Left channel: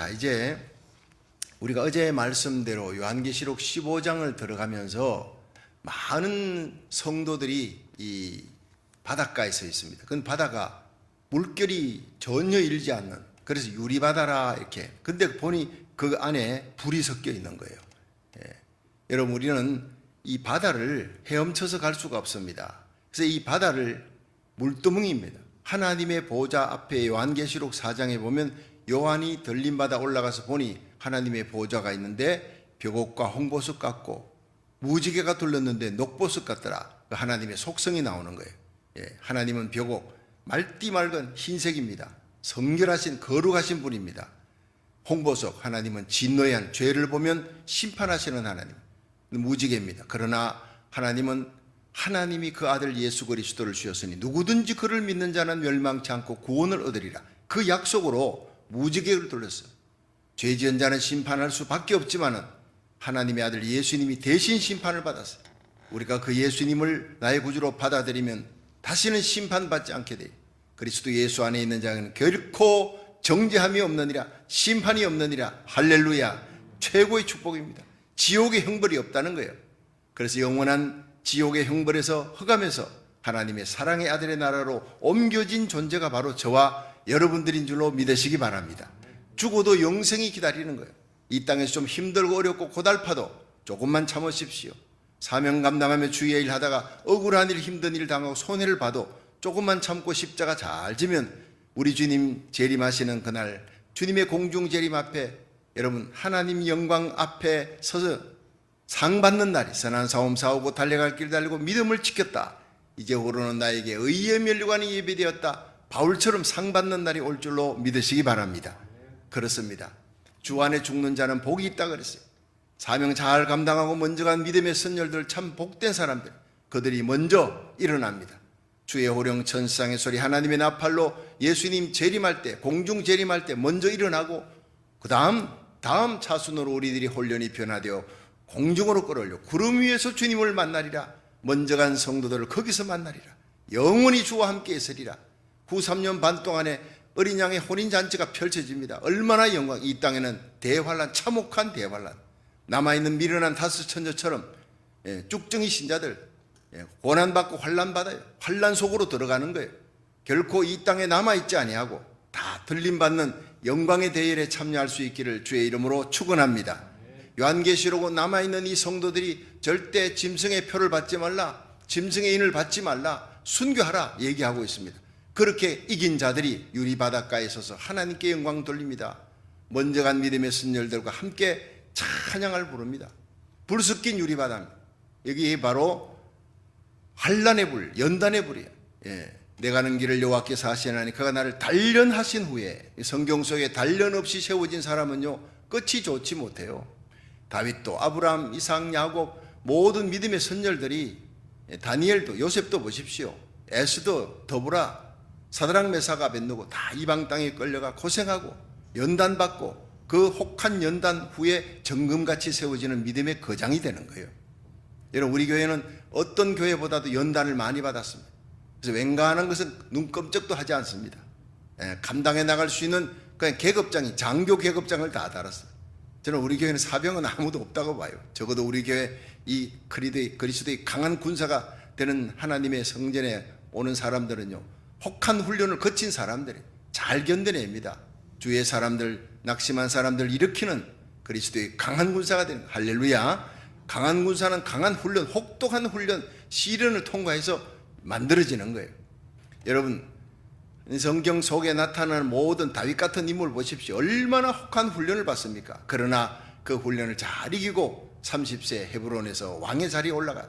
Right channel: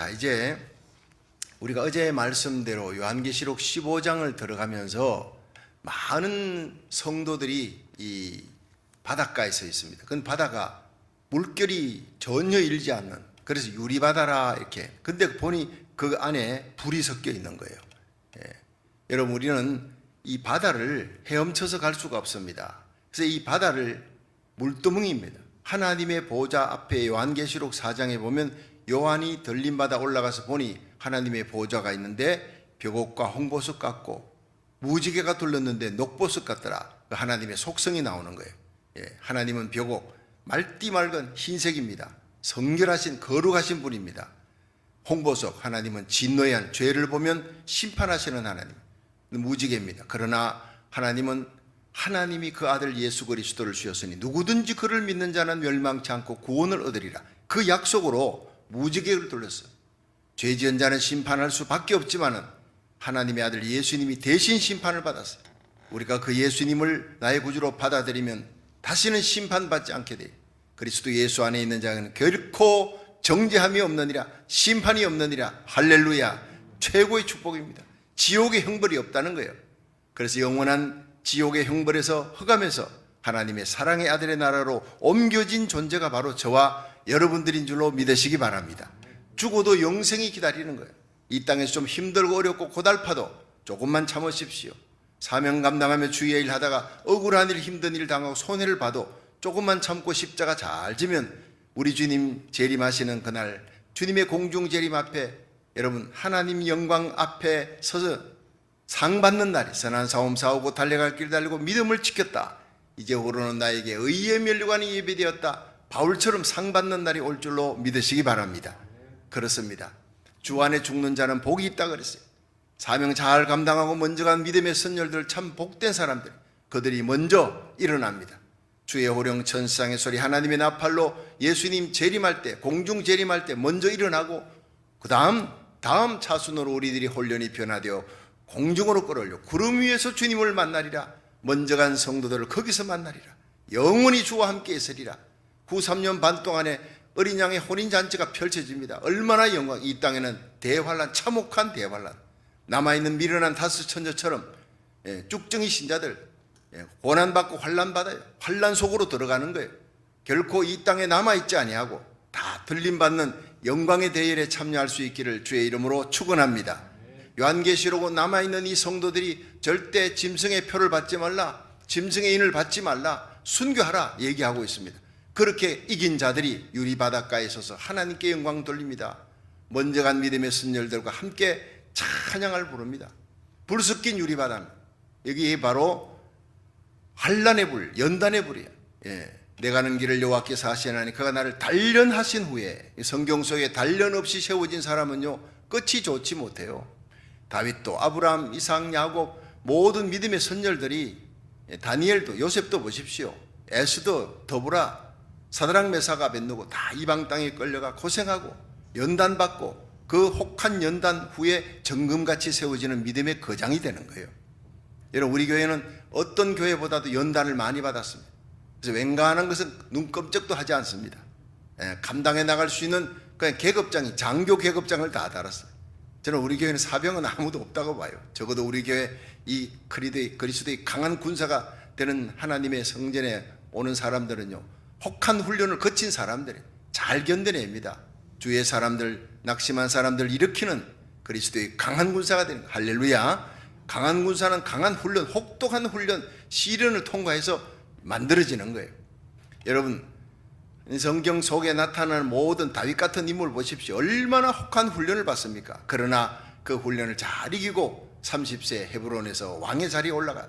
자, 이제 우리가 어제 말씀대로 요한계시록 15장을 들어가면서 많은 성도들이 이 바닷가에 서 있습니다. 그건 바다가 물결이 전혀 일지 않는, 그래서 유리바다라 이렇게. 근데 보니 그 안에 불이 섞여 있는 거예요. 여러분, 우리는 이 바다를 헤엄쳐서 갈 수가 없습니다. 그래서 이 바다를 물두멍입니다. 하나님의 보좌 앞에 요한계시록 4장에 보면 요한이 들림바다 올라가서 보니 하나님의 보좌가 있는데 벽옥과 홍보석 같고 무지개가 둘렀는데 녹보석 같더라. 하나님의 속성이 나오는 거예요. 하나님은 벽옥, 맑디 맑은 흰색입니다. 성결하신 거룩하신 분입니다. 홍보석, 하나님은 진노한 죄를 보면 심판하시는 하나님. 무지개입니다. 그러나 하나님은 하나님이 그 아들 예수 그리스도를 주셨으니 누구든지 그를 믿는 자는 멸망치 않고 구원을 얻으리라. 그 약속으로 무지개를 둘렀어요. 죄 지은 자는 심판할 수밖에 없지만은 하나님의 아들 예수님이 대신 심판을 받았어요. 우리가 그 예수님을 나의 구주로 받아들이면 다시는 심판받지 않게 돼요. 그리스도 예수 안에 있는 자는 결코 정죄함이 없느니라, 심판이 없느니라. 할렐루야. 최고의 축복입니다. 지옥의 형벌이 없다는 거예요. 그래서 영원한 지옥의 형벌에서 흑암에서 하나님의 사랑의 아들의 나라로 옮겨진 존재가 바로 저와 여러분들인 줄로 믿으시기 바랍니다. 죽어도 영생이 기다리는 거예요. 이 땅에서 좀 힘들고 어렵고 고달파도 조금만 참으십시오. 사명 감당하며 주의 일 하다가 억울한 일, 힘든 일 당하고 손해를 봐도 조금만 참고 십자가 잘 지면 우리 주님 재림하시는 그날 주님의 공중 재림 앞에 여러분 하나님 영광 앞에 서서 상 받는 날이, 선한 싸움 싸우고 달려갈 길 달리고 믿음을 지켰다. 이제 오르는 나에게 의의 면류관이 예비되었다. 바울처럼 상 받는 날이 올 줄로 믿으시기 바랍니다. 그렇습니다. 주 안에 죽는 자는 복이 있다 그랬어요. 사명 잘 감당하고 먼저 간 믿음의 선열들, 참 복된 사람들, 그들이 먼저 일어납니다. 주의 호령 천상의 소리, 하나님의 나팔로 예수님 재림할 때, 공중 재림할 때 먼저 일어나고 그 다음 차순으로 우리들이 혼련히 변화되어 공중으로 끌어올려 구름 위에서 주님을 만나리라. 먼저 간 성도들을 거기서 만나리라. 영원히 주와 함께 있으리라. 후 3년 반 동안에 어린 양의 혼인잔치가 펼쳐집니다. 얼마나 영광. 이 땅에는 대환란, 참혹한 대환란. 남아있는 미련한 다섯 천녀처럼 쭉정이 신자들 고난받고 환란받아요. 환란 속으로 들어가는 거예요. 결코 이 땅에 남아있지 아니하고 다 들림받는 영광의 대열에 참여할 수 있기를 주의 이름으로 축원합니다. 요한계시록은 남아있는 이 성도들이 절대 짐승의 표를 받지 말라, 짐승의 인을 받지 말라, 순교하라 얘기하고 있습니다. 그렇게 이긴 자들이 유리바닷가에 서서 하나님께 영광 돌립니다. 먼저 간 믿음의 선열들과 함께 찬양을 부릅니다. 불 섞인 유리바다입니다. 여기 바로 환란의 불, 연단의 불이에요. 내가 가는 길을 여호와께서 하시나니 그가 나를 단련하신 후에, 성경 속에 단련 없이 세워진 사람은요 끝이 좋지 못해요. 다윗도 아브라함, 이삭, 야곱 모든 믿음의 선열들이, 다니엘도, 요셉도 보십시오. 에스더, 더브라, 사드락, 메삭, 아벳느고 다 이방 땅에 끌려가 고생하고 연단받고 그 혹한 연단 후에 정금같이 세워지는 믿음의 거장이 되는 거예요. 여러분, 우리 교회는 어떤 교회보다도 연단을 많이 받았습니다. 그래서 웬간한 것은 눈끔쩍도 하지 않습니다. 감당해 나갈 수 있는 그냥 계급장이, 장교 계급장을 다 달았어요. 저는 우리 교회는 사병은 아무도 없다고 봐요. 적어도 우리 교회 이 그리스도의 강한 군사가 되는 하나님의 성전에 오는 사람들은요 혹한 훈련을 거친 사람들이 잘 견뎌냅니다. 주의 사람들, 낙심한 사람들 일으키는 그리스도의 강한 군사가 되는, 할렐루야. 강한 군사는 강한 훈련, 혹독한 훈련, 시련을 통과해서 만들어지는 거예요. 여러분, 성경 속에 나타나는 모든 다윗 같은 인물 보십시오. 얼마나 혹한 훈련을 받습니까? 그러나 그 훈련을 잘 이기고 30세 헤브론에서 왕의 자리에 올라가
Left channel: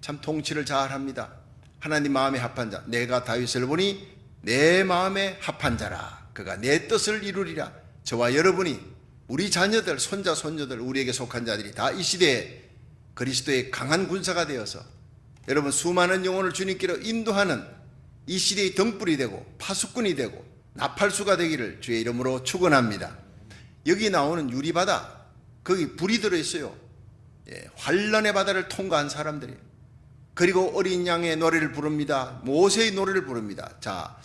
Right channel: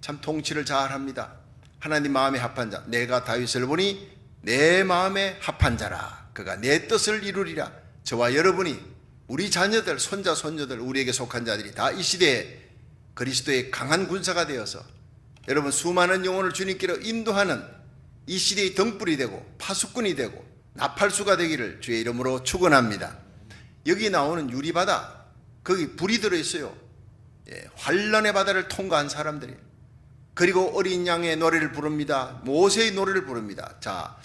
참 통치를 잘 합니다. 하나님 마음에 합한 자, 내가 다윗을 보니 내 마음에 합한 자라. 그가 내 뜻을 이루리라. 저와 여러분이, 우리 자녀들, 손자, 손녀들, 우리에게 속한 자들이 다 이 시대에 그리스도의 강한 군사가 되어서 여러분 수많은 영혼을 주님께로 인도하는 이 시대의 등불이 되고 파수꾼이 되고 나팔수가 되기를 주의 이름으로 축원합니다. 여기 나오는 유리바다, 거기 불이 들어있어요. 환란의 바다를 통과한 사람들이. 그리고 어린 양의 노래를 부릅니다. 모세의 노래를 부릅니다. 자,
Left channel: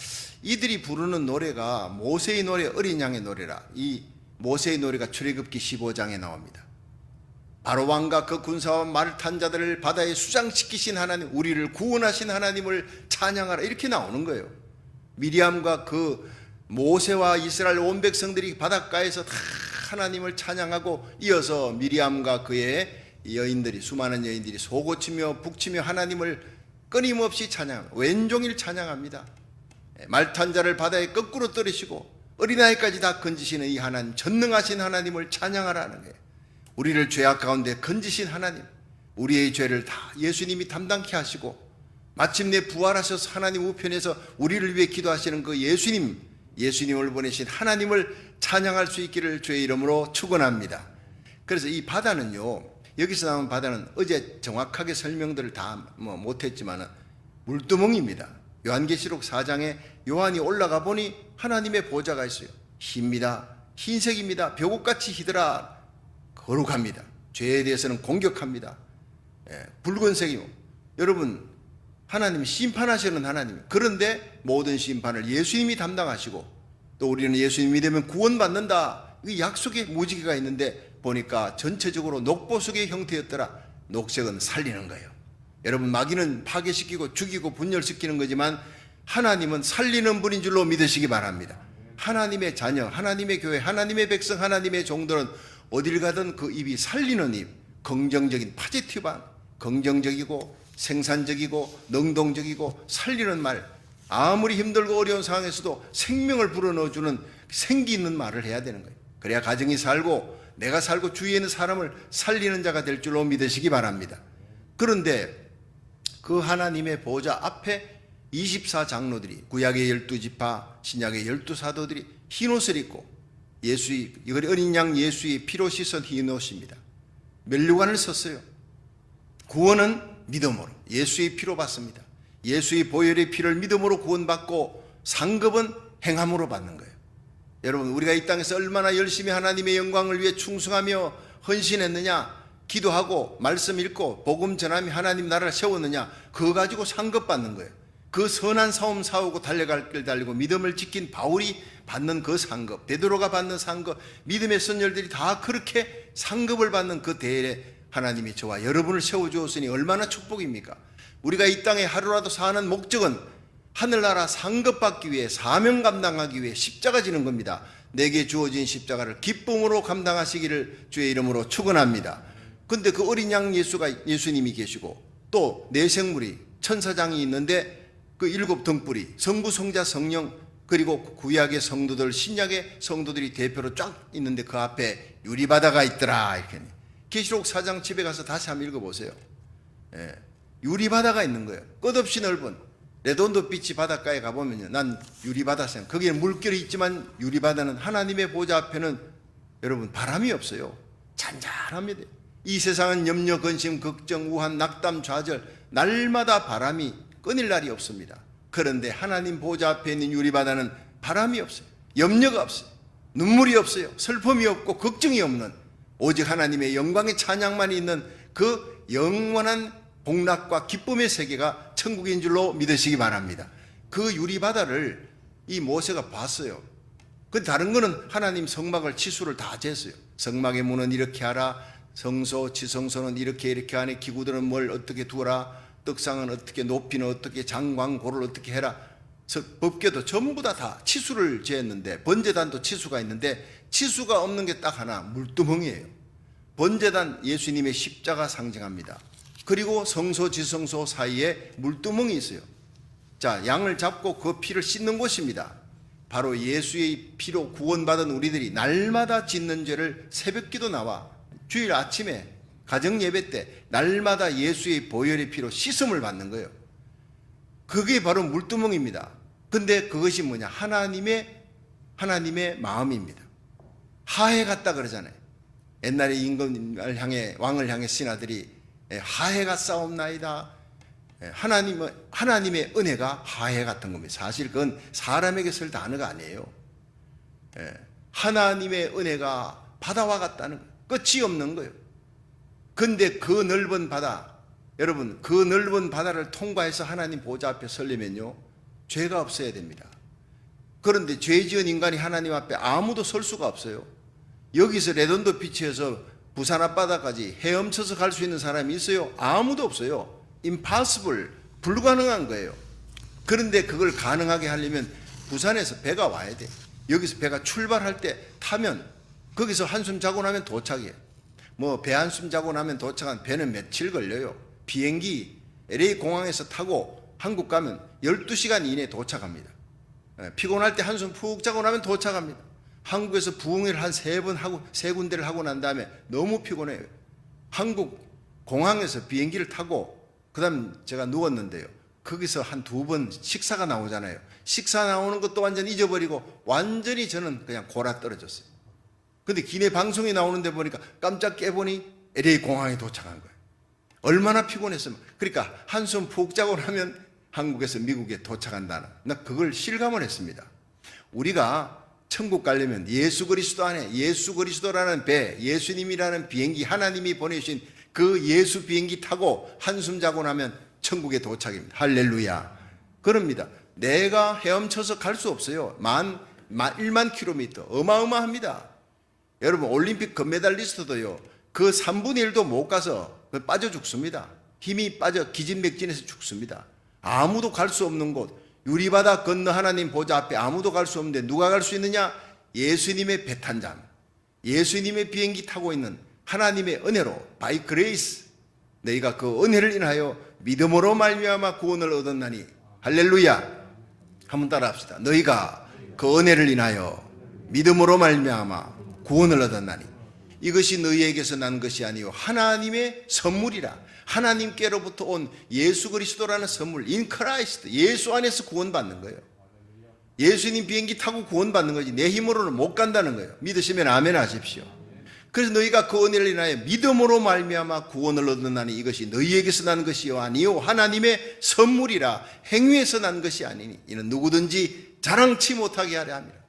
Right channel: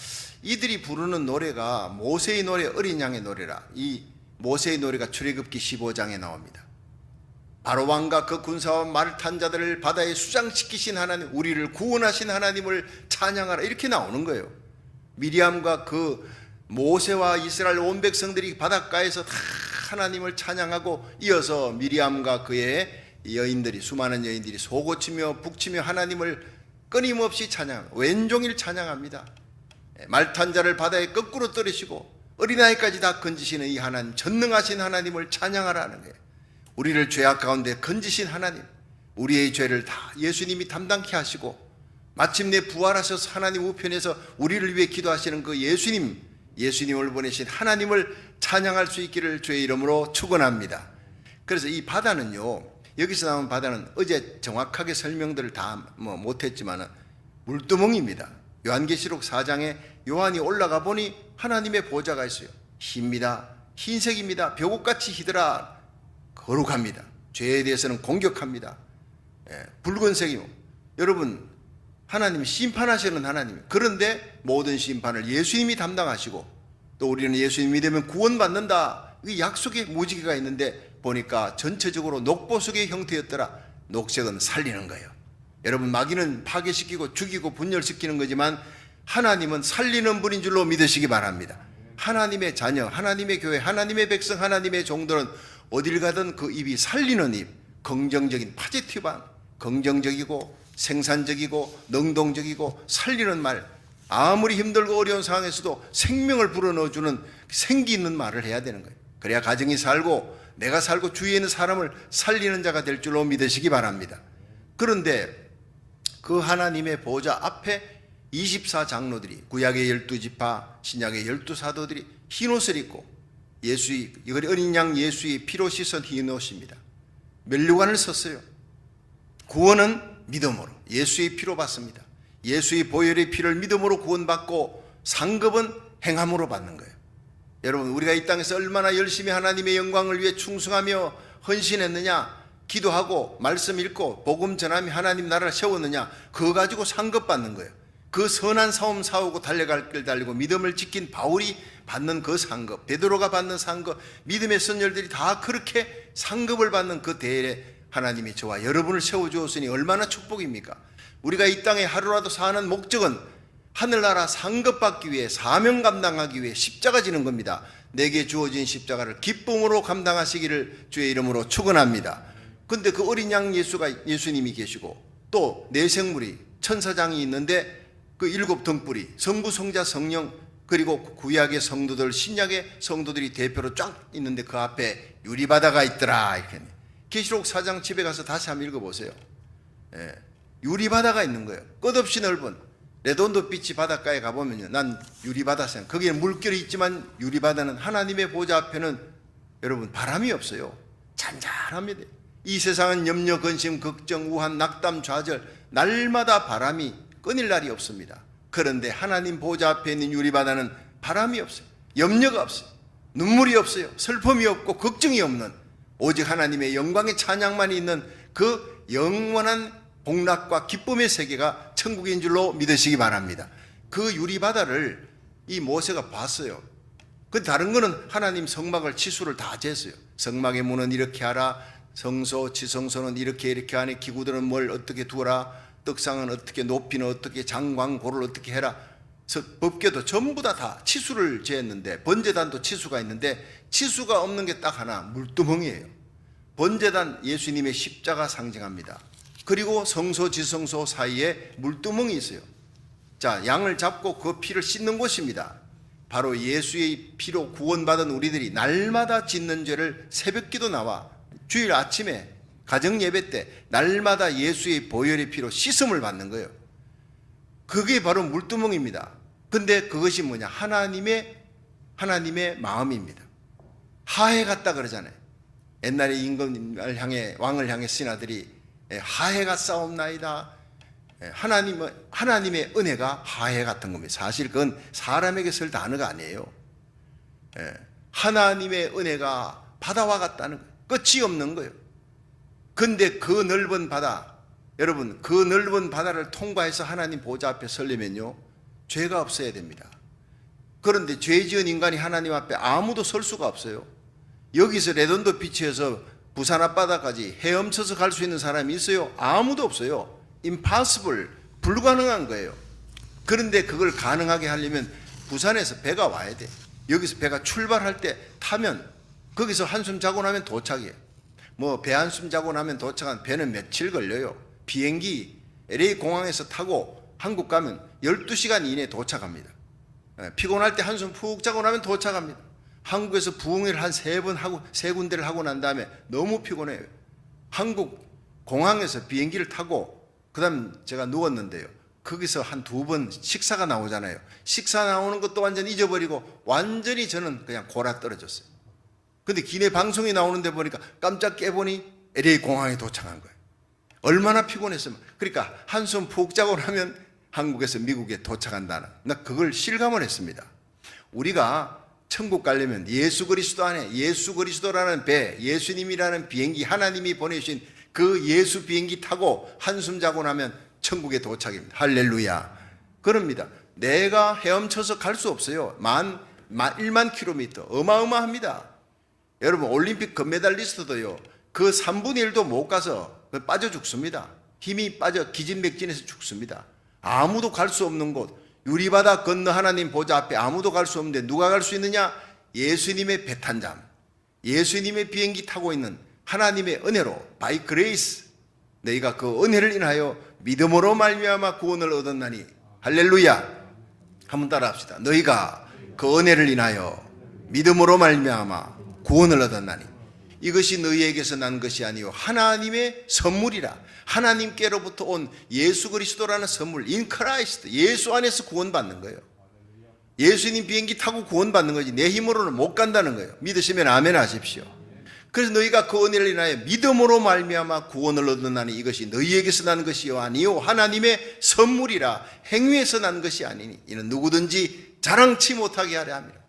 이들이 부르는 노래가 모세의 노래, 어린 양의 노래라. 이 모세의 노래가 출애굽기 15장에 나옵니다. 바로 왕과 그 군사와 말을 탄 자들을 바다에 수장시키신 하나님, 우리를 구원하신 하나님을 찬양하라, 이렇게 나오는 거예요. 미리암과 그 모세와 이스라엘 온 백성들이 바닷가에서 다 하나님을 찬양하고, 이어서 미리암과 그의 여인들이, 수많은 여인들이 소고치며 북치며 하나님을 끊임없이 찬양, 왼종일 찬양합니다. 말 탄 자를 바다에 거꾸로 떨으시고 어린아이까지 다 건지시는 이 하나님, 전능하신 하나님을 찬양하라는 거예요. 우리를 죄악 가운데 건지신 하나님, 우리의 죄를 다 예수님이 담당케 하시고 마침내 부활하셔서 하나님 우편에서 우리를 위해 기도하시는 그 예수님을 보내신 하나님을 찬양할 수 있기를 주의 이름으로 축원합니다. 그래서 이 바다는요, 여기서 나온 바다는 어제 정확하게 설명들을 다 못했지만 물두멍입니다. 요한계시록 4장에 요한이 올라가 보니 하나님의 보좌가 있어요. 힙니다. 흰색입니다. 벼국같이 희더라. 거룩합니다. 죄에 대해서는 공격합니다. 붉은색이고, 여러분, 하나님 심판하시는 하나님. 그런데 모든 심판을 예수님이 담당하시고, 또 우리는 예수님 믿으면 구원받는다, 이 약속의 무지개가 있는데 보니까 전체적으로 녹보석의 형태였더라. 녹색은 살리는 거예요. 여러분, 마귀는 파괴시키고 죽이고 분열시키는 거지만 하나님은 살리는 분인 줄로 믿으시기 바랍니다. 하나님의 자녀, 하나님의 교회, 하나님의 백성, 하나님의 종들은 어딜 가든 그 입이 살리는 입, 긍정적인 포지티브한, 긍정적이고 생산적이고 능동적이고 살리는 말, 아무리 힘들고 어려운 상황에서도 생명을 불어넣어주는 생기 있는 말을 해야 되는 거예요. 그래야 가정이 살고 내가 살고 주위에 있는 사람을 살리는 자가 될 줄로 믿으시기 바랍니다. 그런데 그 하나님의 보좌 앞에 24장로들이, 구약의 12지파, 신약의 12사도들이 흰옷을 입고, 어린 양 예수의 피로 씻은 흰옷입니다. 면류관을 썼어요. 구원은 믿음으로, 예수의 피로 받습니다. 예수의 보혈의 피를 믿음으로 구원받고, 상급은 행함으로 받는 거예요. 여러분, 우리가 이 땅에서 얼마나 열심히 하나님의 영광을 위해 충성하며 헌신했느냐, 기도하고 말씀 읽고 복음 전하며 하나님 나라를 세웠느냐, 그거 가지고 상급 받는 거예요. 그 선한 싸움 싸우고 달려갈 길 달리고 믿음을 지킨 바울이 받는 그 상급, 베드로가 받는 상급, 믿음의 선열들이 다 그렇게 상급을 받는 그 대에 하나님이 저와 여러분을 세워주었으니 얼마나 축복입니까? 우리가 이 땅에 하루라도 사는 목적은 하늘나라 상급받기 위해, 사명 감당하기 위해 십자가 지는 겁니다. 내게 주어진 십자가를 기쁨으로 감당하시기를 주의 이름으로 축원합니다. 근데 그 어린 양 예수님이 계시고, 또 내생물이, 천사장이 있는데 그 7 등불이, 성부, 성자, 성령, 그리고 구약의 성도들, 신약의 성도들이 대표로 쫙 있는데 그 앞에 유리바다가 있더라, 이렇게. 계시록 4장 집에 가서 다시 한번 읽어보세요. 유리바다가 있는 거예요. 끝없이 넓은 레돈도 비치 바닷가에 가보면요, 난 유리바다 생, 거기에 물결이 있지만 유리바다는, 하나님의 보좌 앞에는 여러분 바람이 없어요. 잔잔합니다. 이 세상은 염려, 근심, 걱정, 우한, 낙담, 좌절, 날마다 바람이 끊일 날이 없습니다. 그런데 하나님 보좌 앞에 있는 유리바다는 바람이 없어요. 염려가 없어요. 눈물이 없어요. 슬픔이 없고 걱정이 없는, 오직 하나님의 영광의 찬양만 있는 그 영원한 복락과 기쁨의 세계가 천국인 줄로 믿으시기 바랍니다. 그 유리바다를 이 모세가 봤어요. 그 다른 거는 하나님 성막을 치수를 다 쟀어요. 성막의 문은 이렇게 하라, 성소, 지성소는 이렇게 하니, 기구들은 뭘 어떻게 두어라, 떡상은 어떻게, 높이는 어떻게, 장광고를 어떻게 해라. 법궤도 전부 다 치수를 재었는데, 번제단도 치수가 있는데 치수가 없는 게 딱 하나, 물두멍이에요. 번제단 예수님의 십자가 상징합니다. 그리고 성소, 지성소 사이에 물두멍이 있어요. 자, 양을 잡고 그 피를 씻는 곳입니다. 바로 예수의 피로 구원받은 우리들이 날마다 짓는 죄를 새벽기도 나와 주일 아침에 가정 예배 때 날마다 예수의 보혈의 피로 씻음을 받는 거예요. 그게 바로 물두멍입니다. 근데 그것이 뭐냐? 하나님의 마음입니다. 하해 같다 그러잖아요. 옛날에 임금을 향해, 왕을 향해 신하들이 하해가 싸움나이다. 하나님의 은혜가 하해 같은 겁니다. 사실 그건 사람에게 쓸 단어가 아니에요. 하나님의 은혜가 바다와 같다는 거예요. 끝이 없는 거예요. 근데 그 넓은 바다, 여러분, 그 넓은 바다를 통과해서 하나님 보좌 앞에 서려면요, 죄가 없어야 됩니다. 그런데 죄 지은 인간이 하나님 앞에 아무도 설 수가 없어요. 여기서 레돈도 비치에서 부산 앞바다까지 헤엄쳐서 갈 수 있는 사람이 있어요? 아무도 없어요. impossible, 불가능한 거예요. 그런데 그걸 가능하게 하려면 부산에서 배가 와야 돼. 여기서 배가 출발할 때 타면 거기서 한숨 자고 나면 도착이에요. 뭐 배 한숨 자고 나면 도착한 배는 며칠 걸려요. 비행기 LA 공항에서 타고 한국 가면 12시간 이내에 도착합니다. 피곤할 때 한숨 푹 자고 나면 도착합니다. 한국에서 부흥회를 한 3번 하고 3군데를 하고 난 다음에 너무 피곤해요. 한국 공항에서 비행기를 타고 그다음 제가 누웠는데요. 거기서 한 2번 식사가 나오잖아요. 식사 나오는 것도 완전히 잊어버리고 완전히 저는 그냥 골아 떨어졌어요. 근데 기내 방송이 나오는데 보니까 깜짝 깨보니 LA 공항에 도착한 거예요. 얼마나 피곤했으면. 그러니까 한숨 푹 자고 나면 한국에서 미국에 도착한다는, 나 그걸 실감을 했습니다. 우리가 천국 가려면 예수 그리스도 안에, 예수 그리스도라는 배, 예수님이라는 비행기, 하나님이 보내주신 그 예수 비행기 타고 한숨 자고 나면 천국에 도착입니다. 할렐루야. 그럽니다. 내가 헤엄쳐서 갈 수 없어요. 1만 킬로미터. 어마어마합니다. 여러분, 올림픽 금메달리스트도요, 그 3분의 1도 못 가서 빠져 죽습니다. 힘이 빠져 기진맥진해서 죽습니다. 아무도 갈 수 없는 곳, 유리바다 건너 하나님 보좌 앞에 아무도 갈 수 없는데 누가 갈 수 있느냐? 예수님의 배 탄 자람, 예수님의 비행기 타고 있는 하나님의 은혜로, by grace, 너희가 그 은혜를 인하여 믿음으로 말미암아 구원을 얻었나니. 할렐루야. 한번 따라합시다. 너희가 그 은혜를 인하여 믿음으로 말미암아 구원을 얻었나니 이것이 너희에게서 난 것이 아니요 하나님의 선물이라. 하나님께로부터 온 예수 그리스도라는 선물, in Christ, 예수 안에서 구원받는 거예요. 예수님 비행기 타고 구원받는 거지 내 힘으로는 못 간다는 거예요. 믿으시면 아멘 하십시오. 그래서 너희가 그 은혜를 인하여 믿음으로 말미암아 구원을 얻었나니 이것이 너희에게서 난 것이요 아니요 하나님의 선물이라. 행위에서 난 것이 아니니 이는 누구든지 자랑치 못하게 하려 합니다.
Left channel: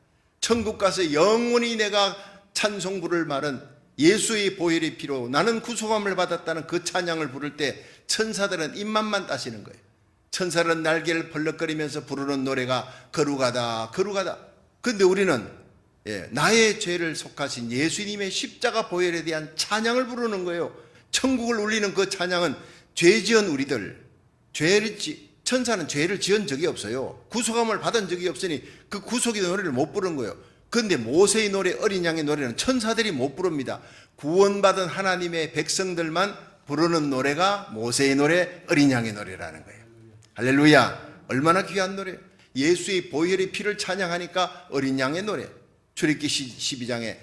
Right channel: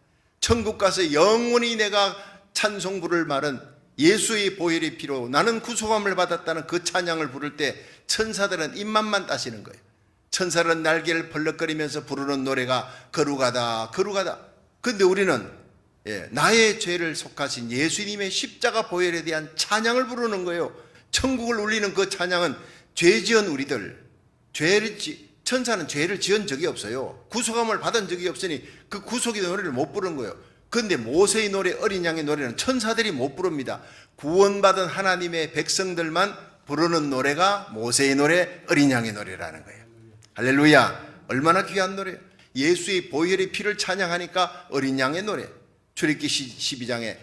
천국 가서 영원히 내가 찬송 부를 말은 예수의 보혈의 피로 나는 구속함을 받았다는 그 찬양을 부를 때 천사들은 입맛만 따시는 거예요. 천사들은 날개를 벌럭거리면서 부르는 노래가 거룩하다 거룩하다. 그런데 우리는 나의 죄를 속하신 예수님의 십자가 보혈에 대한 찬양을 부르는 거예요. 천국을 울리는 그 찬양은 죄 지은 우리들, 천사는 죄를 지은 적이 없어요. 구속함을 받은 적이 없으니 그 구속의 노래를 못 부르는 거예요. 그런데 모세의 노래, 어린 양의 노래는 천사들이 못 부릅니다. 구원받은 하나님의 백성들만 부르는 노래가 모세의 노래, 어린 양의 노래라는 거예요. 할렐루야. 얼마나 귀한 노래예요. 예수의 보혈의 피를 찬양하니까 어린 양의 노래. 출애굽기 12장에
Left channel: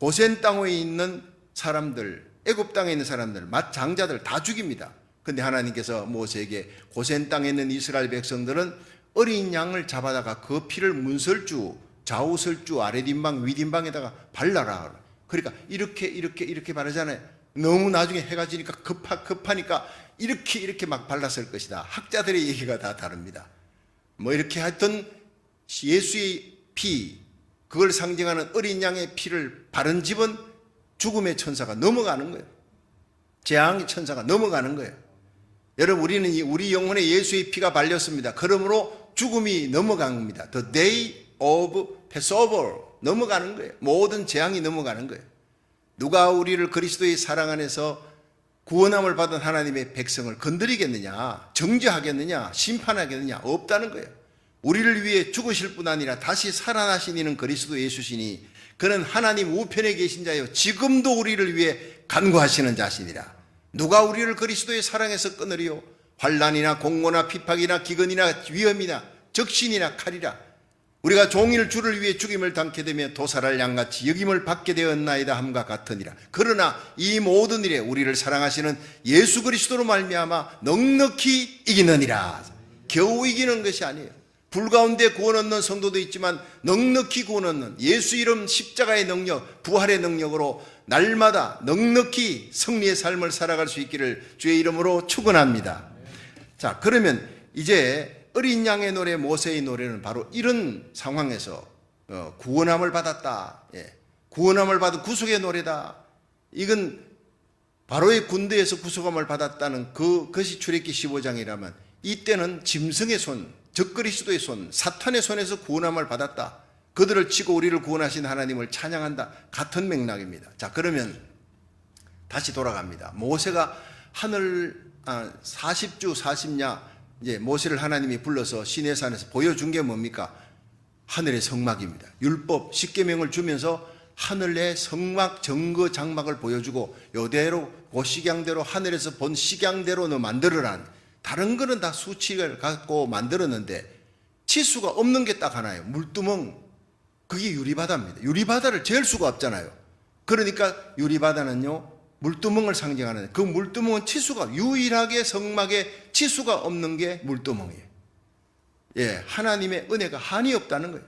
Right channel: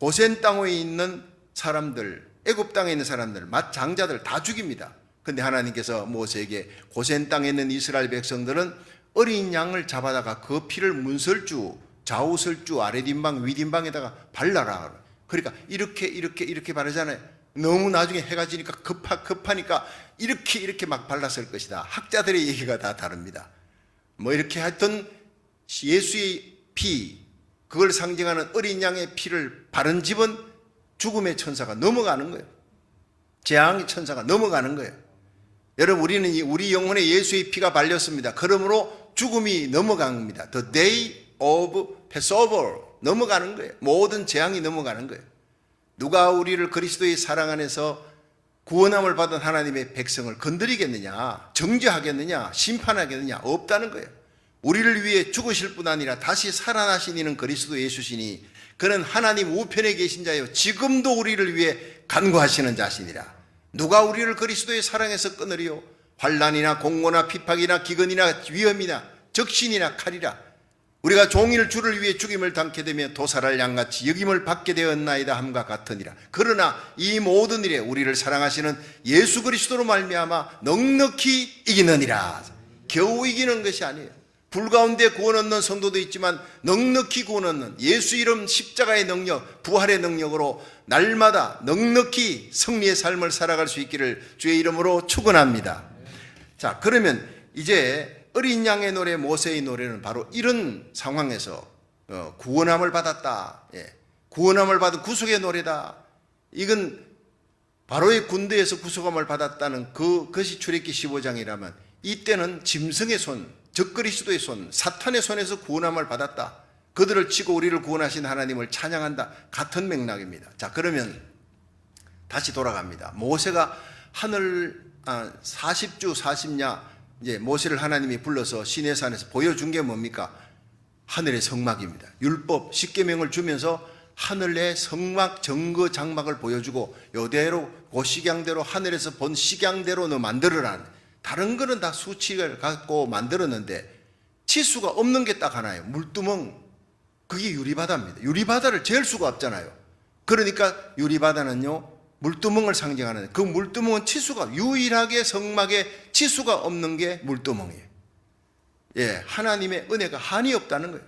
고센 땅에 있는 사람들, 애굽 땅에 있는 사람들, 장자들 다 죽입니다. 그런데 하나님께서 모세에게 고센 땅에 있는 이스라엘 백성들은 어린 양을 잡아다가 그 피를 문설주, 좌우설주, 아랫인방, 윗인방에다가 발라라. 그러니까 이렇게 바르잖아요. 너무 나중에 해가 지니까 급하니까 이렇게 막 발랐을 것이다. 학자들의 얘기가 다 다릅니다. 뭐 이렇게 하여튼 예수의 피, 그걸 상징하는 어린 양의 피를 바른 집은 죽음의 천사가 넘어가는 거예요. 재앙의 천사가 넘어가는 거예요. 여러분, 우리는 우리 영혼에 예수의 피가 발렸습니다. 그러므로 죽음이 넘어갑니다. The day of Passover, 넘어가는 거예요. 모든 재앙이 넘어가는 거예요. 누가 우리를 그리스도의 사랑 안에서 구원함을 받은 하나님의 백성을 건드리겠느냐, 정죄하겠느냐, 심판하겠느냐? 없다는 거예요. 우리를 위해 죽으실 뿐 아니라 다시 살아나신 이는 그리스도 예수시니 그는 하나님 우편에 계신 자요 지금도 우리를 위해 간구하시는 자시니라. 누가 우리를 그리스도의 사랑에서 끊으리요? 환난이나 공고나 핍박이나 기근이나 위험이나 적신이나 칼이라. 우리가 종일 주를 위해 죽임을 당케 되며 도살할 양같이 여김을 받게 되었나이다 함과 같으니라. 그러나 이 모든 일에 우리를 사랑하시는 예수 그리스도로 말미암아 넉넉히 이기느니라. 겨우 이기는 것이 아니에요. 불 가운데 구원 얻는 성도도 있지만 넉넉히 구원 얻는 예수 이름 십자가의 능력, 부활의 능력으로 날마다 넉넉히 승리의 삶을 살아갈 수 있기를 주의 이름으로 축원합니다. 자, 그러면 이제 어린 양의 노래, 모세의 노래는 바로 이런 상황에서 구원함을 받았다. 구원함을 받은 구속의 노래다. 이건 바로의 군대에서 구속함을 받았다는 그것이 출애굽기 15장이라면 이때는 짐승의 손, 적그리스도의 손, 사탄의 손에서 구원함을 받았다. 그들을 치고 우리를 구원하신 하나님을 찬양한다. 같은 맥락입니다. 자, 그러면 다시 돌아갑니다. 모세가 40주 40야 이제 모세를 하나님이 불러서 시내산에서 보여준 게 뭡니까? 하늘의 성막입니다. 율법 10계명을 주면서 하늘의 성막 정거 장막을 보여주고 요대로 그 식양대로 하늘에서 본 식양대로 너 만들어라. 다른 거는 다 수칙을 갖고 만들었는데 치수가 없는 게 딱 하나예요. 물두멍. 그게 유리바다입니다. 유리바다를 잴 수가 없잖아요. 그러니까 유리바다는요 물두멍을 상징하는, 그 물두멍은 치수가, 유일하게 성막에 치수가 없는 게 물두멍이에요. 예, 하나님의 은혜가 한이 없다는 거예요.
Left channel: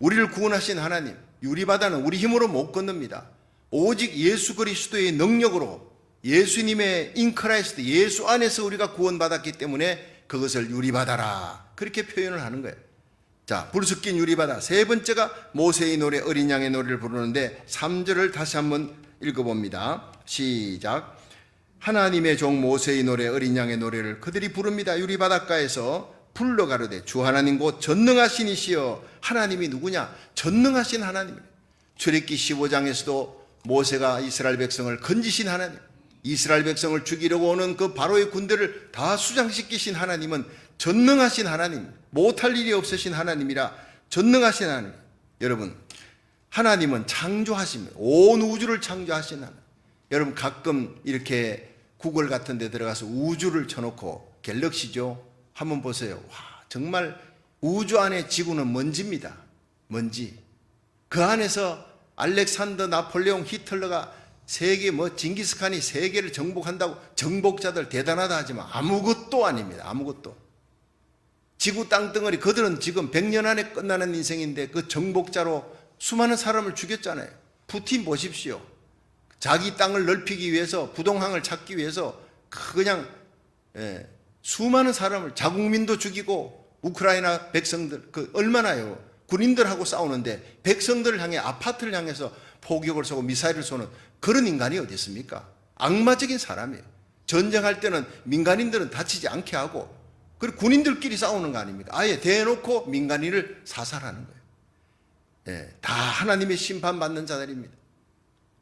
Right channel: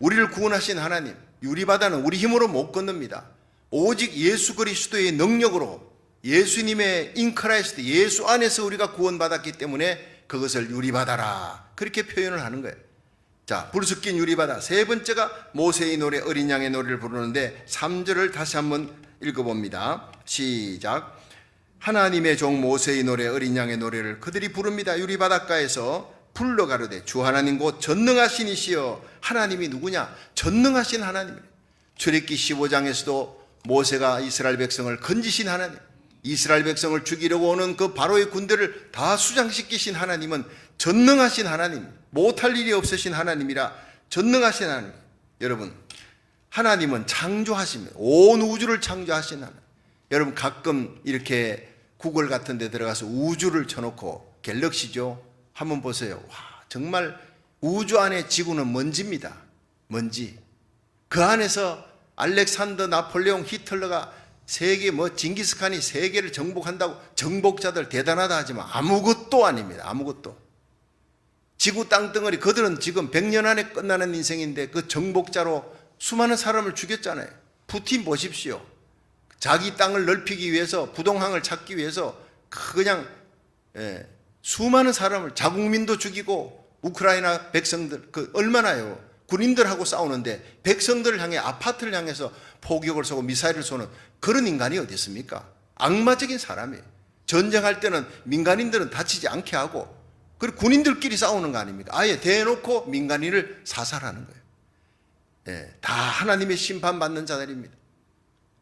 우리를 구원하신 하나님, 유리바다는 우리 힘으로 못 건넙니다. 오직 예수 그리스도의 능력으로, 예수님의 인크라이스트, 예수 안에서 우리가 구원받았기 때문에 그것을 유리바다라 그렇게 표현을 하는 거예요. 자, 불 섞인 유리바다. 세 번째가 모세의 노래, 어린 양의 노래를 부르는데 3절을 다시 한번 읽어봅니다. 시작. 하나님의 종 모세의 노래, 어린 양의 노래를 그들이 부릅니다. 유리바닷가에서 불러 가로되 주 하나님 곧 전능하신 이시여. 하나님이 누구냐? 전능하신 하나님. 출애굽기 15장에서도 모세가 이스라엘 백성을 건지신 하나님, 이스라엘 백성을 죽이려고 오는 그 바로의 군대를 다 수장시키신 하나님은 전능하신 하나님, 못할 일이 없으신 하나님이라 전능하신 하나님. 여러분, 하나님은 창조하십니다. 온 우주를 창조하신 하나님. 여러분 가끔 이렇게 구글 같은 데 들어가서 우주를 쳐놓고, 갤럭시죠, 한번 보세요. 와, 정말 우주 안에 지구는 먼지입니다. 먼지. 그 안에서 알렉산더, 나폴레옹, 히틀러가 세계 징기스칸이 세계를 정복한다고 정복자들 대단하다 하지만 아무것도 아닙니다. 아무것도. 지구 땅덩어리, 그들은 지금 100년 안에 끝나는 인생인데 그 정복자로 수많은 사람을 죽였잖아요. 푸틴 보십시오. 자기 땅을 넓히기 위해서, 부동항을 찾기 위해서 그냥 수많은 사람을, 자국민도 죽이고, 우크라이나 백성들 얼마나요? 군인들하고 싸우는데 백성들을 향해, 아파트를 향해서 포격을 쏘고 미사일을 쏘는 그런 인간이 어디 있습니까? 악마적인 사람이에요. 전쟁할 때는 민간인들은 다치지 않게 하고, 그리고 군인들끼리 싸우는 거 아닙니까? 아예 대놓고 민간인을 사살하는 거예요. 다 하나님의 심판받는 자들입니다.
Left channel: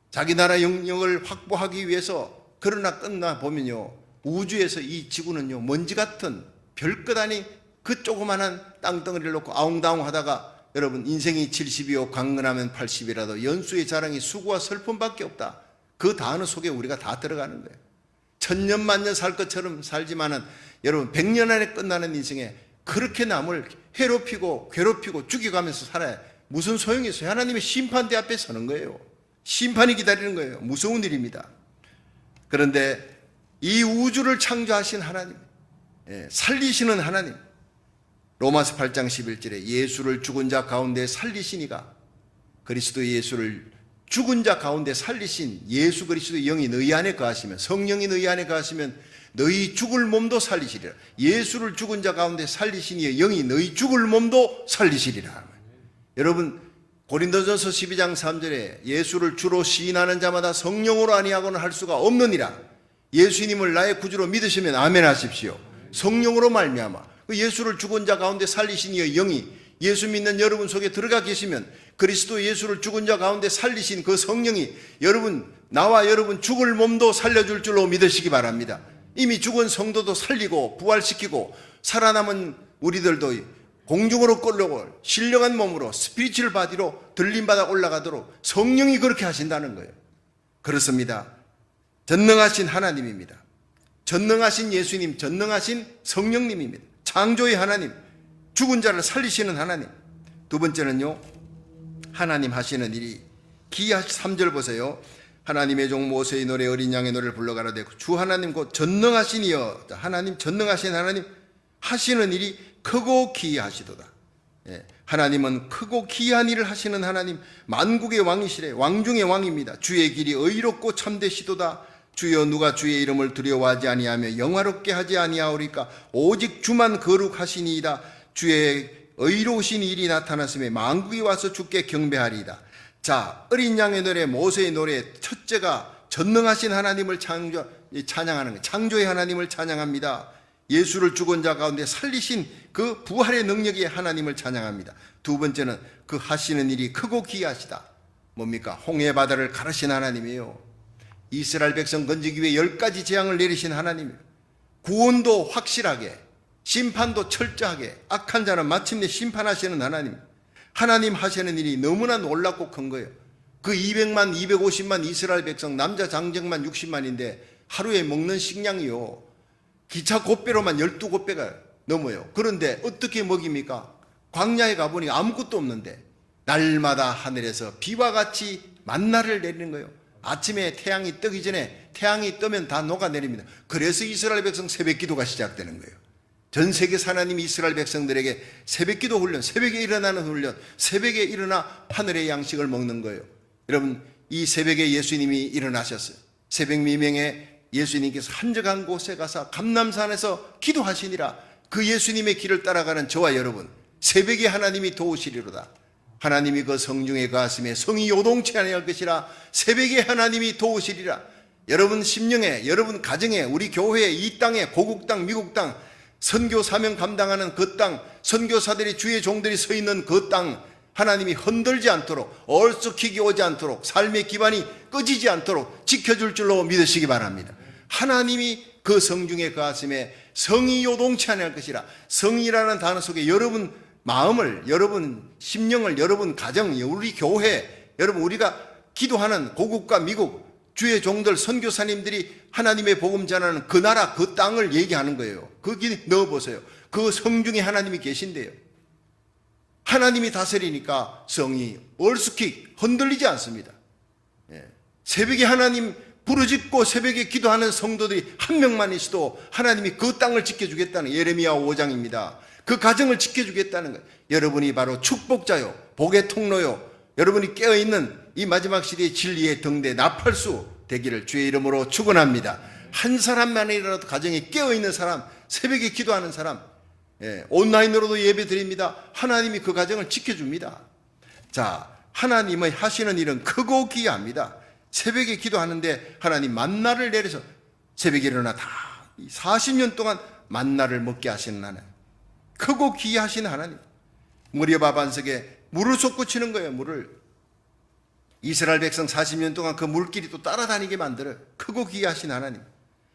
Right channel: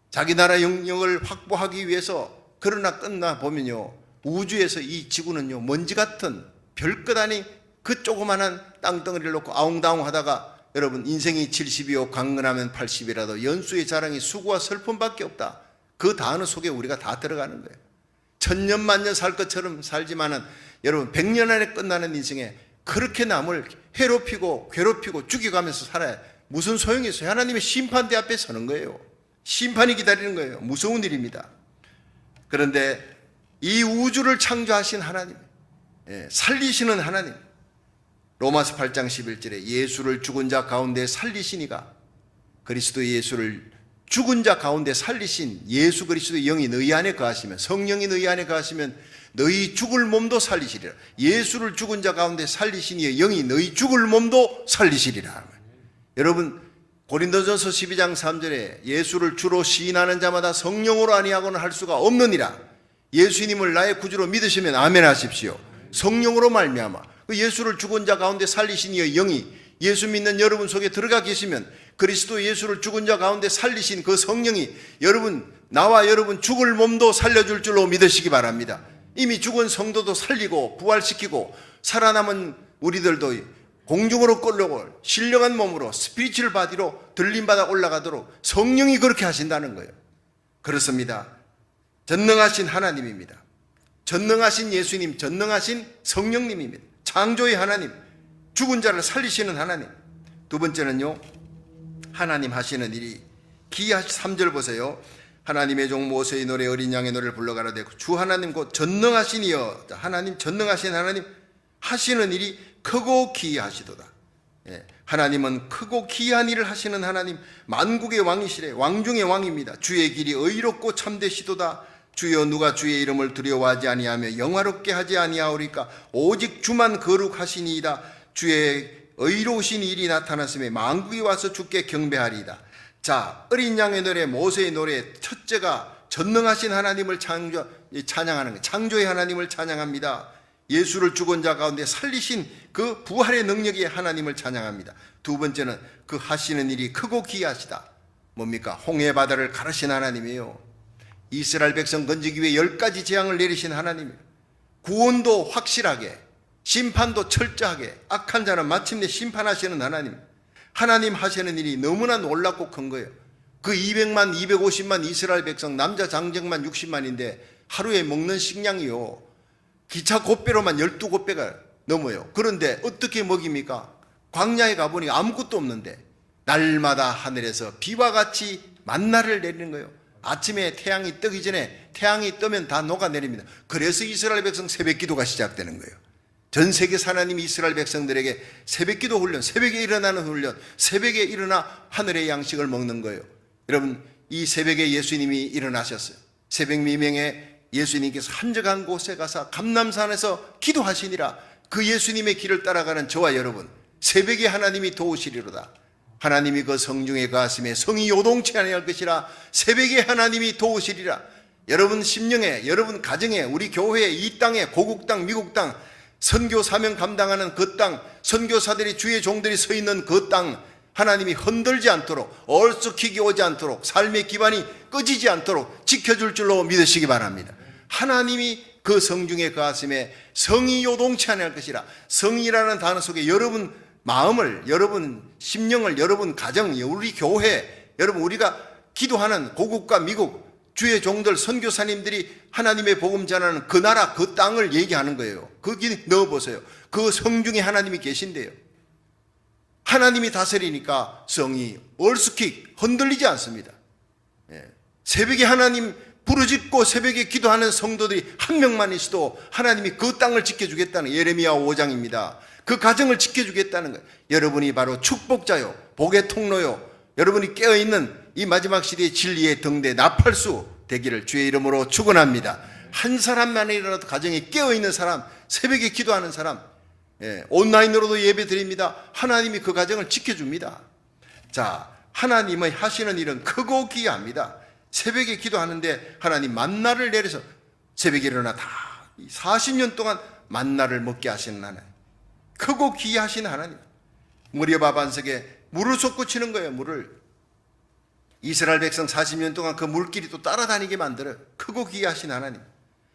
자기 나라 영역을 확보하기 위해서. 그러나 끝나 보면요, 우주에서 이 지구는요 먼지 같은 별것 아닌 그 조그만한 땅덩어리를 놓고 아웅다웅 하다가, 여러분 인생이 70이요 강건하면 80이라도 연수의 자랑이 수고와 슬픔밖에 없다. 그 단어 속에 우리가 다 들어가는 거예요. 천년 만년 살 것처럼 살지만은 여러분 100년 안에 끝나는 인생에 그렇게 남을 해롭히고 괴롭히고 죽여가면서 살아야 무슨 소용이 있어요? 하나님의 심판대 앞에 서는 거예요. 심판이 기다리는 거예요. 무서운 일입니다. 그런데 이 우주를 창조하신 하나님, 살리시는 하나님, 로마서 8장 11절에 예수를 죽은 자 가운데 살리시니가, 그리스도 예수를 죽은 자 가운데 살리신 예수 그리스도의 영이 너희 안에 거하시면, 성령이 너희 안에 거하시면 너희 죽을 몸도 살리시리라. 예수를 죽은 자 가운데 살리신 이의 영이 너희 죽을 몸도 살리시리라. 여러분 고린도전서 12장 3절에 예수를 주로 시인하는 자마다 성령으로 아니하고는 할 수가 없느니라. 예수님을 나의 구주로 믿으시면 아멘 하십시오. 성령으로 말미암아 그 예수를 죽은 자 가운데 살리신 이의 영이 예수 믿는 여러분 속에 들어가 계시면, 그리스도 예수를 죽은 자 가운데 살리신 그 성령이 여러분, 나와 여러분 죽을 몸도 살려줄 줄로 믿으시기 바랍니다. 이미 죽은 성도도 살리고 부활시키고 살아남은 우리들도 공중으로 끌려고 신령한 몸으로 스피리추얼 바디로 들림받아 올라가도록 성령이 그렇게 하신다는 거예요. 그렇습니다. 전능하신 하나님입니다. 전능하신 예수님, 전능하신 성령님입니다. 창조의 하나님, 죽은 자를 살리시는 하나님. 두 번째는요, 하나님 하시는 일이 기이하시. 3절 보세요. 하나님의 종 모세의 노래, 어린 양의 노래를 불러가라되 주 하나님 곧 전능하신 이여. 하나님, 전능하신 하나님 하시는 일이 크고 기이하시도다. 하나님은 크고 기이한 일을 하시는 하나님, 만국의 왕이시래. 왕 중의 왕입니다. 주의 길이 의롭고 참되시도다. 주여 누가 주의 이름을 두려워하지 아니하며 영화롭게 하지 아니하오리까? 오직 주만 거룩하시니이다. 주의 의로우신 일이 나타났음에 만국이 와서 주께 경배하리이다. 자, 어린 양의 노래, 모세의 노래, 첫째가 전능하신 하나님을 찬양하는 거예요. 창조의 하나님을 찬양합니다. 예수를 죽은 자 가운데 살리신 그 부활의 능력의 하나님을 찬양합니다. 두 번째는 그 하시는 일이 크고 기이하시다. 뭡니까? 홍해 바다를 가르신 하나님이에요. 이스라엘 백성 건지기 위해 10가지 재앙을 내리신 하나님이에요. 구원도 확실하게, 심판도 철저하게, 악한 자는 마침내 심판하시는 하나님. 하나님 하시는 일이 너무나 놀랍고 큰 거예요. 그 200만, 250만 이스라엘 백성, 남자 장정만 60만인데 하루에 먹는 식량이요, 기차 곶배로만 12곶배가 넘어요. 그런데 어떻게 먹입니까? 광야에 가보니 아무것도 없는데 날마다 하늘에서 비와 같이 만나를 내리는 거예요. 아침에 태양이 뜨기 전에, 태양이 뜨면 다 녹아내립니다. 그래서 이스라엘 백성 새벽 기도가 시작되는 거예요. 전 세계 하나님이 이스라엘 백성들에게 새벽 기도 훈련, 새벽에 일어나는 훈련, 새벽에 일어나 하늘의 양식을 먹는 거예요. 여러분, 이 새벽에 예수님이 일어나셨어요. 새벽 미명에 예수님께서 한적한 곳에 가서 감람산에서 기도하시니라. 그 예수님의 길을 따라가는 저와 여러분, 새벽에 하나님이 도우시리로다. 하나님이 그 성중에 가슴에 성이 요동치 아니할 것이라. 새벽에 하나님이 도우시리라. 여러분 심령에, 여러분 가정에, 우리 교회에, 이 땅에, 고국 땅, 미국 땅, 선교 사명 감당하는 그 땅, 선교사들이, 주의 종들이 서 있는 그 땅, 하나님이 흔들지 않도록, 얼쑥히기 오지 않도록, 삶의 기반이 꺼지지 않도록 지켜줄 줄로 믿으시기 바랍니다. 하나님이 그 성중의 가슴에 성이 요동치 아니할 것이라. 성이라는 단어 속에 여러분 마음을, 여러분 심령을, 여러분 가정, 우리 교회, 여러분 우리가 기도하는 고국과 미국, 주의 종들, 선교사님들이 하나님의 복음 전하는 그 나라, 그 땅을 얘기하는 거예요. 거기 넣어보세요. 그 성중에 하나님이 계신대요. 하나님이 다스리니까 성이 얼스킥 흔들리지 않습니다. 새벽에 하나님 부르짖고 새벽에 기도하는 성도들이 한 명만 있어도 하나님이 그 땅을 지켜주겠다는, 예레미야 5장입니다. 그 가정을 지켜주겠다는 거예요. 여러분이 바로 축복자요, 복의 통로요, 여러분이 깨어있는 이 마지막 시대의 진리의 등대 나팔수 되기를 주의 이름으로 축원합니다. 한 사람만이라도 가정에 깨어있는 사람, 새벽에 기도하는 사람, 온라인으로도 예배 드립니다. 하나님이 그 가정을 지켜줍니다. 자, 하나님의 하시는 일은 크고 기이합니다. 새벽에 기도하는데 하나님 만나를 내려서 새벽에 일어나 다 40년 동안 만나를 먹게 하시는 하나님, 크고 기이하신 하나님. 무리바 반석에 물을 솟구치는 거예요. 물을 이스라엘 백성 40년 동안 그 물길이 또 따라다니게 만들어요. 크고 기이하신 하나님.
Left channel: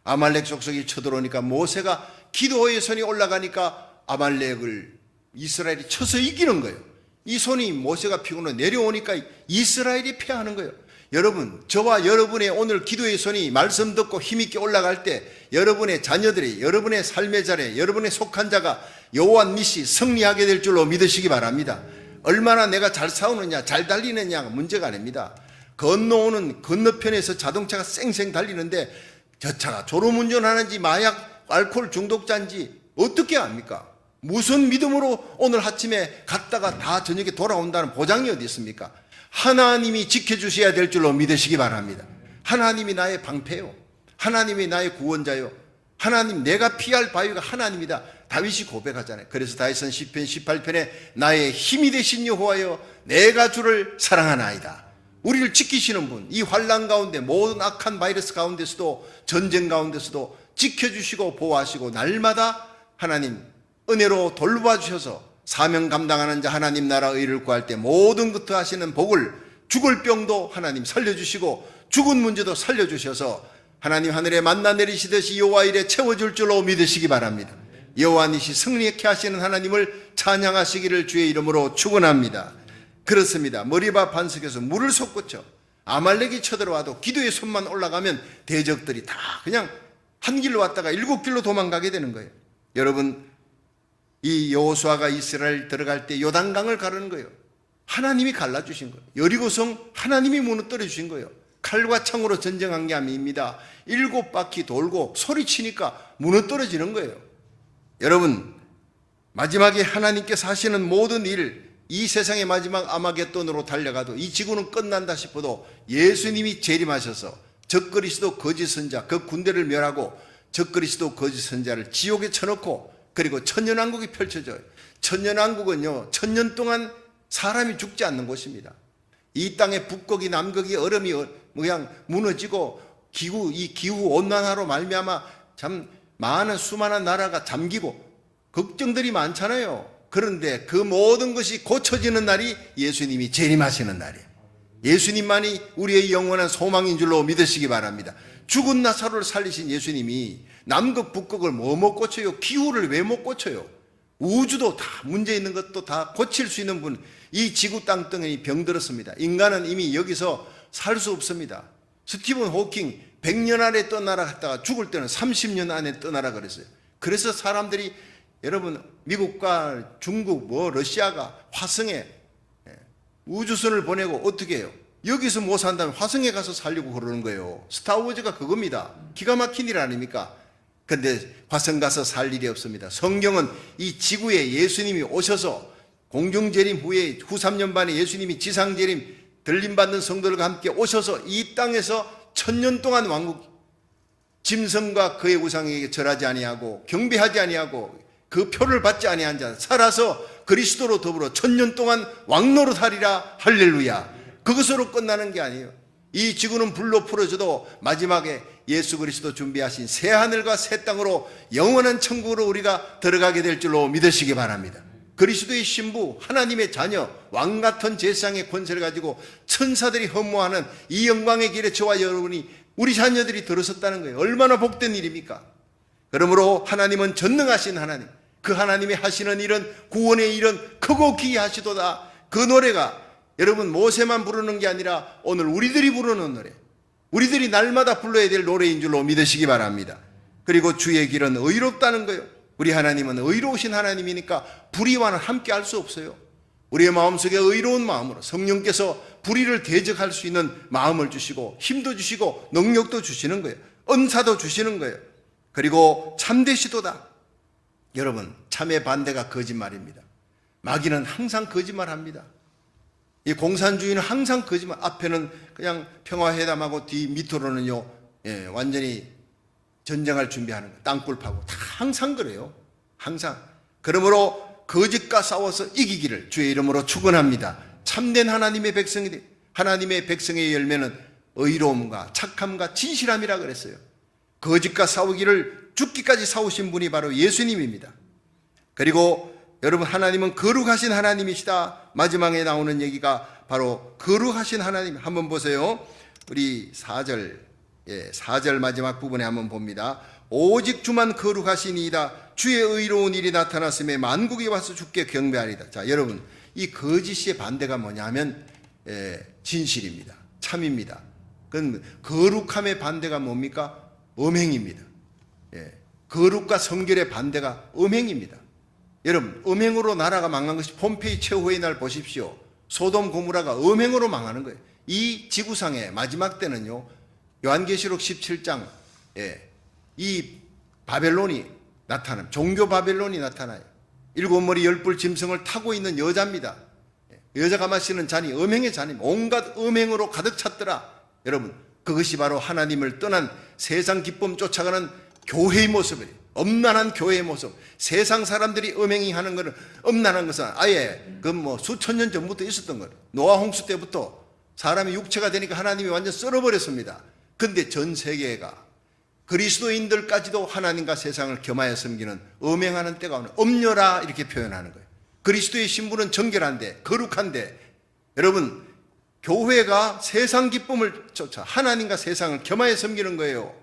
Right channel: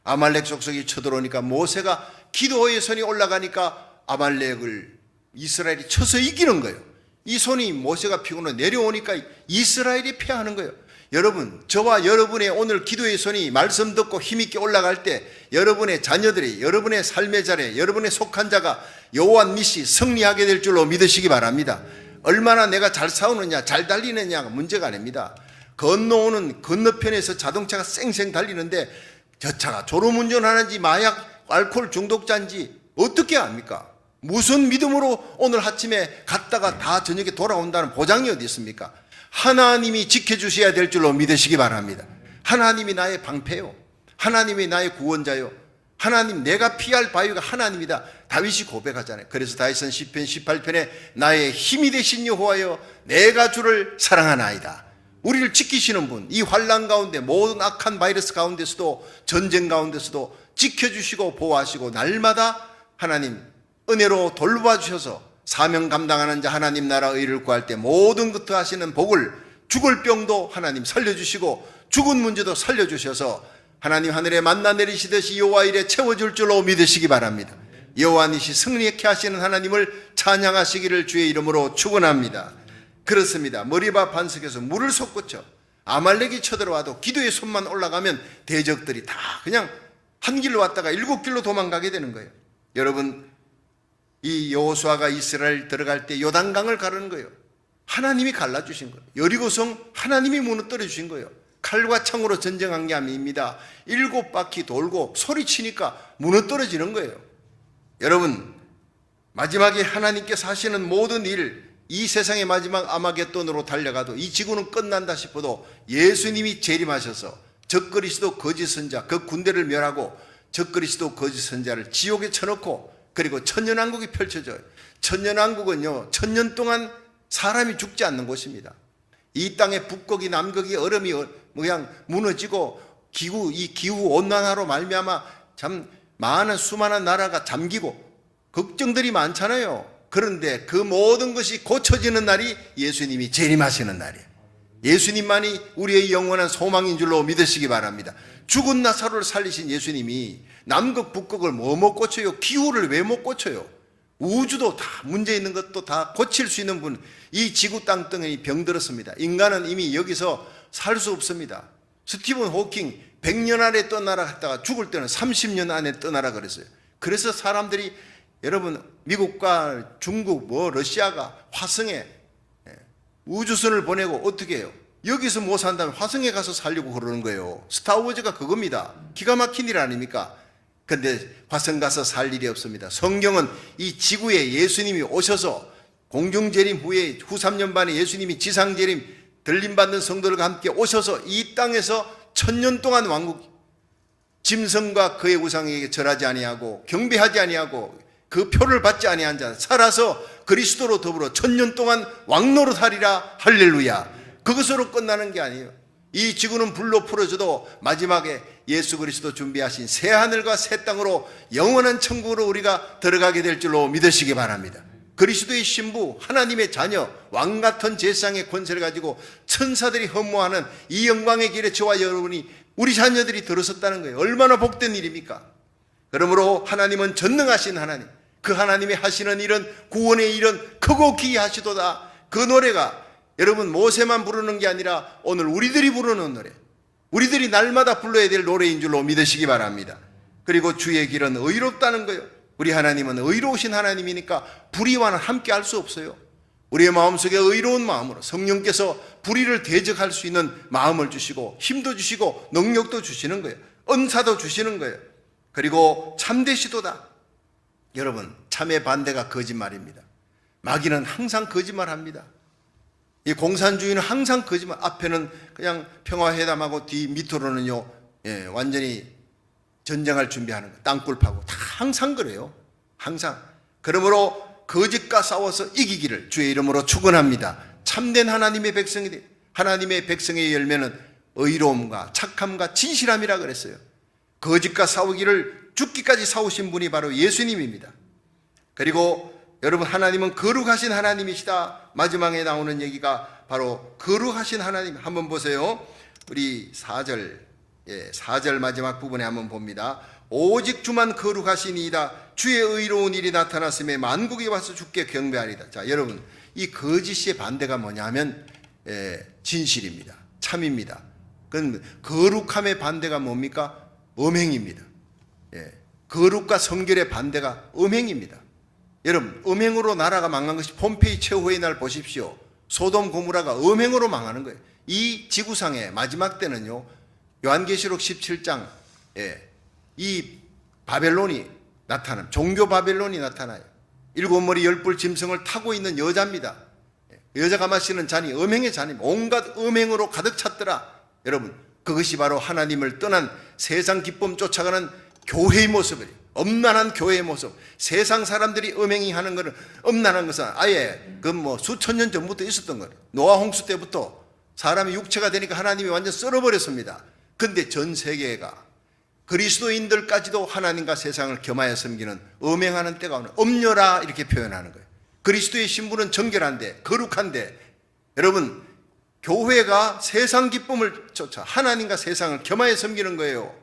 아말렉 족속이 쳐들어오니까 모세가 기도의 손이 올라가니까 아말렉을 이스라엘이 쳐서 이기는 거예요. 이 손이 모세가 피고는 내려오니까 이스라엘이 패하는 거예요. 여러분, 저와 여러분의 오늘 기도의 손이 말씀 듣고 힘있게 올라갈 때 여러분의 자녀들이, 여러분의 삶의 자리에, 여러분의 속한 자가 여호와 니시 승리하게 될 줄로 믿으시기 바랍니다. 얼마나 내가 잘 싸우느냐, 잘 달리느냐가 문제가 아닙니다. 건너오는 건너편에서 자동차가 쌩쌩 달리는데 저 차가 졸음운전하는지 마약 알코올 중독자인지 어떻게 압니까? 무슨 믿음으로 오늘 아침에 갔다가 다 저녁에 돌아온다는 보장이 어디 있습니까? 하나님이 지켜주셔야 될 줄로 믿으시기 바랍니다. 하나님이 나의 방패요, 하나님이 나의 구원자요, 하나님, 내가 피할 바위가 하나님이다. 다윗이 고백하잖아요. 그래서 다윗은 시편 18편에 나의 힘이 되신 여호와여 내가 주를 사랑하나이다. 우리를 지키시는 분, 이 환난 가운데, 모든 악한 바이러스 가운데서도, 전쟁 가운데서도 지켜주시고 보호하시고 날마다 하나님 은혜로 돌봐주셔서 사명 감당하는 자 하나님 나라 의를 구할 때 모든 것을 하시는 복을, 죽을 병도 하나님 살려주시고 죽은 문제도 살려주셔서 하나님 하늘에 만나 내리시듯이 여호와 일에 채워줄 줄로 믿으시기 바랍니다. 여호와 니시 승리케 하시는 하나님을 찬양하시기를 주의 이름으로 축원합니다. 그렇습니다. 머리바 반석에서 물을 솟구쳐 아말렉이 쳐들어와도 기도의 손만 올라가면 대적들이 다 그냥 한 길로 왔다가 7길로 도망가게 되는 거예요. 여러분, 이 여호수아가 이스라엘 들어갈 때 요단강을 가르는 거예요. 하나님이 갈라주신 거예요. 여리고성 하나님이 무너뜨려 주신 거예요. 칼과 창으로 전쟁한 게 아닙니다. 7바퀴 돌고 소리치니까 무너뜨려지는 거예요. 여러분, 마지막에 하나님께서 하시는 모든 일, 이 세상의 마지막 아마겟돈으로 달려가도 이 지구는 끝난다 싶어도 예수님이 재림하셔서 적그리스도 거짓 선자, 그 군대를 멸하고 적그리스도 거짓 선자를 지옥에 쳐넣고 그리고 천년왕국이 펼쳐져요. 천년왕국은요, 1000년 동안 사람이 죽지 않는 곳입니다. 이 땅의 북극이 남극이 얼음이 그냥 무너지고 이 기후 온난화로 말미암아 참 많은 수많은 나라가 잠기고 걱정들이 많잖아요. 그런데 그 모든 것이 고쳐지는 날이 예수님이 재림하시는 날이에요. 예수님만이 우리의 영원한 소망인 줄로 믿으시기 바랍니다. 죽은 나사로를 살리신 예수님이 남극 북극을 뭐 못 고쳐요? 기후를 왜 못 고쳐요? 우주도 다 문제 있는 것도 다 고칠 수 있는 분. 이 지구 땅덩이 병들었습니다. 인간은 이미 여기서 살 수 없습니다. 스티븐 호킹 100년 안에 떠나라 했다가 죽을 때는 30년 안에 떠나라 그랬어요. 그래서 사람들이 여러분 미국과 중국 러시아가 화성에 우주선을 보내고 어떻게 해요? 여기서 못 산다면 화성에 가서 살려고 그러는 거예요. 스타워즈가 그겁니다. 기가 막힌 일 아닙니까? 근데 화성 가서 살 일이 없습니다. 성경은 이 지구에 예수님이 오셔서 공중재림 후에 후 3년 반에 예수님이 지상재림 들림받는 성도들과 함께 오셔서 이 땅에서 1000년 동안 왕국 짐승과 그의 우상에게 절하지 아니하고 경배하지 아니하고 그 표를 받지 아니한 자 살아서 그리스도로 더불어 1000년 동안 왕노릇하리라. 할렐루야. 그것으로 끝나는 게 아니에요. 이 지구는 불로 풀어져도 마지막에 예수 그리스도 준비하신 새 하늘과 새 땅으로 영원한 천국으로 우리가 들어가게 될 줄로 믿으시기 바랍니다. 그리스도의 신부 하나님의 자녀 왕같은 제사장의 권세를 가지고 천사들이 허무하는 이 영광의 길에 저와 여러분이 우리 자녀들이 들어섰다는 거예요. 얼마나 복된 일입니까? 그러므로 하나님은 전능하신 하나님, 그 하나님의 하시는 일은 구원의 일은 크고 기이하시도다. 그 노래가 여러분 모세만 부르는 게 아니라 오늘 우리들이 부르는 노래, 우리들이 날마다 불러야 될 노래인 줄로 믿으시기 바랍니다. 그리고 주의 길은 의롭다는 거예요. 우리 하나님은 의로우신 하나님이니까 불의와는 함께 할 수 없어요. 우리의 마음속에 의로운 마음으로 성령께서 불의를 대적할 수 있는 마음을 주시고 힘도 주시고 능력도 주시는 거예요. 은사도 주시는 거예요. 그리고 참되시도다. 여러분 참의 반대가 거짓말입니다. 마귀는 항상 거짓말합니다. 이 공산주의는 항상 거짓말. 앞에는 그냥 평화회담하고 뒤 밑으로는요 완전히 전쟁할 준비하는 거예요. 땅굴 파고 다 항상 그래요. 항상. 그러므로 거짓과 싸워서 이기기를 주의 이름으로 축원합니다. 참된 하나님의 백성이 돼. 하나님의 백성의 열매는 의로움과 착함과 진실함이라 그랬어요. 거짓과 싸우기를 죽기까지 싸우신 분이 바로 예수님입니다. 그리고 여러분 하나님은 거룩하신 하나님이시다. 마지막에 나오는 얘기가 바로 거룩하신 하나님. 한번 보세요. 우리 4절 마지막 부분에 한번 봅니다. 오직 주만 거룩하시니이다. 주의 의로운 일이 나타났음에 만국이 와서 주께 경배하리다. 자, 여러분 이 거짓의 반대가 뭐냐 하면 진실입니다. 참입니다. 그건 거룩함의 반대가 뭡니까? 음행입니다. 거룩과 성결의 반대가 음행입니다. 여러분 음행으로 나라가 망한 것이 폼페이 최후의 날 보십시오. 소돔 고모라가 음행으로 망하는 거예요. 이 지구상의 마지막 때는요 요한계시록 17장에 이 바벨론이 나타나요. 종교 바벨론이 나타나요. 7머리 10뿔 짐승을 타고 있는 여자입니다. 여자가 마시는 잔이 음행의 잔입니다. 온갖 음행으로 가득 찼더라. 여러분 그것이 바로 하나님을 떠난 세상 기쁨 쫓아가는 교회의 모습이에요. 엄난한 교회의 모습. 세상 사람들이 음행이 하는 것은 엄난한 것은 아예 그 수천 년 전부터 있었던 거예요. 노아 홍수 때부터 사람이 육체가 되니까 하나님이 완전 썰어버렸습니다. 근데 전 세계가 그리스도인들까지도 하나님과 세상을 겸하여 섬기는 음행하는 때가 오는 엄녀라 이렇게 표현하는 거예요. 그리스도의 신부는 정결한데 거룩한데 여러분 교회가 세상 기쁨을 쫓아 하나님과 세상을 겸하여 섬기는 거예요.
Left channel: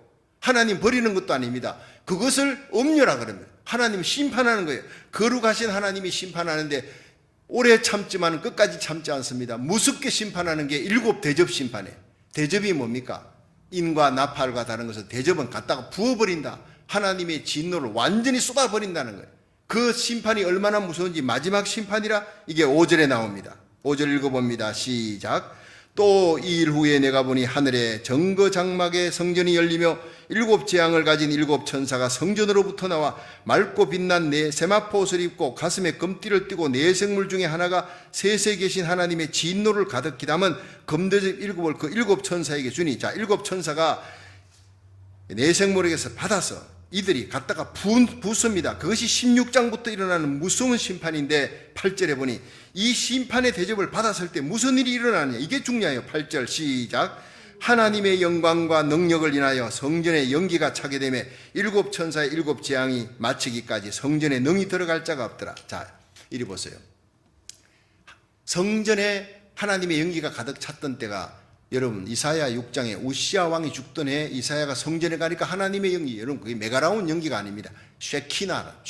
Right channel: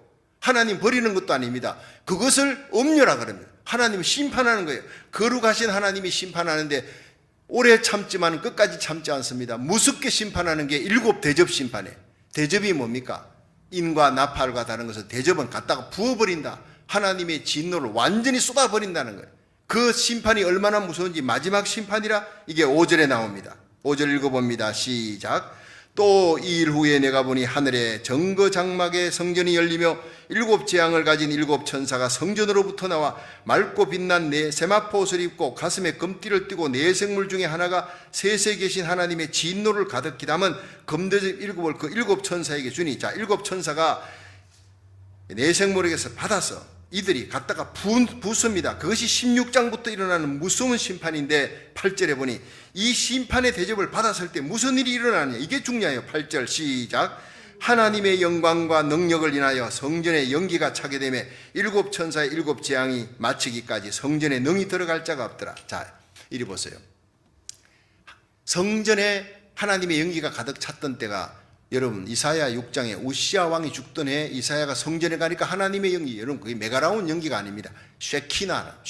하나님 버리는 것도 아닙니다. 그것을 엄녀라 그럽니다. 하나님 심판하는 거예요. 거룩하신 하나님이 심판하는데 오래 참지만 끝까지 참지 않습니다. 무섭게 심판하는 게 7 대접 심판이에요. 대접이 뭡니까? 인과 나팔과 다른 것은 대접은 갖다가 부어버린다. 하나님의 진노를 완전히 쏟아버린다는 거예요. 그 심판이 얼마나 무서운지 마지막 심판이라 이게 5절에 나옵니다. 5절 읽어봅니다. 시작. 또 이 일 후에 내가 보니 하늘에 정거장막의 성전이 열리며 7 재앙을 가진 7 천사가 성전으로부터 나와 맑고 빛난 네 세마포 옷을 입고 가슴에 금띠를 띠고 네 생물 중에 하나가 셋에 계신 하나님의 진노를 가득히 담은 금대접 7을 그 7 천사에게 주니. 자, 7 천사가 네 생물에게서 받아서 이들이 갖다가 붓습니다. 그것이 16장부터 일어나는 무서운 심판인데 8절에 보니 이 심판의 대접을 받았을 때 무슨 일이 일어나냐 이게 중요해요. 8절 시작. 하나님의 영광과 능력을 인하여 성전에 연기가 차게 되매 7 천사의 7 재앙이 마치기까지 성전에 능히 들어갈 자가 없더라. 자, 이리 보세요. 성전에 하나님의 연기가 가득 찼던 때가 여러분 이사야 6장에 우시아 왕이 죽던 해 이사야가 성전에 가니까 하나님의 연기, 여러분 그게 메가라운 연기가 아닙니다. 쉐키나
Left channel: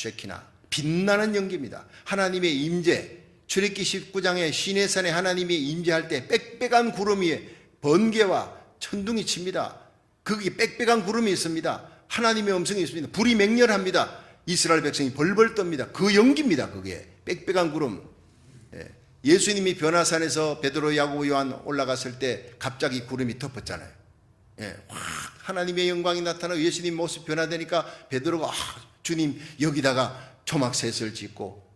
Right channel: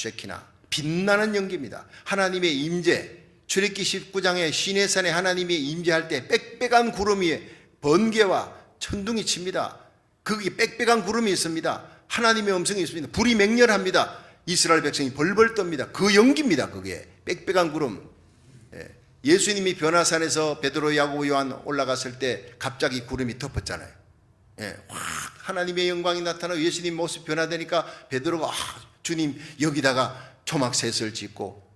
빛나는 연기입니다. 하나님의 임재. 출애굽기 19장에 시내산에 하나님이 임재할 때 빽빽한 구름 위에 번개와 천둥이 칩니다. 거기 빽빽한 구름이 있습니다. 하나님의 음성이 있습니다. 불이 맹렬합니다. 이스라엘 백성이 벌벌 떱니다. 그 연기입니다. 그게 빽빽한 구름. 예수님이 변화산에서 베드로, 야고보, 요한 올라갔을 때 갑자기 구름이 덮었잖아요. 확 하나님의 영광이 나타나고 예수님 모습 변화되니까 베드로가 주님 여기다가 초막셋을 짓고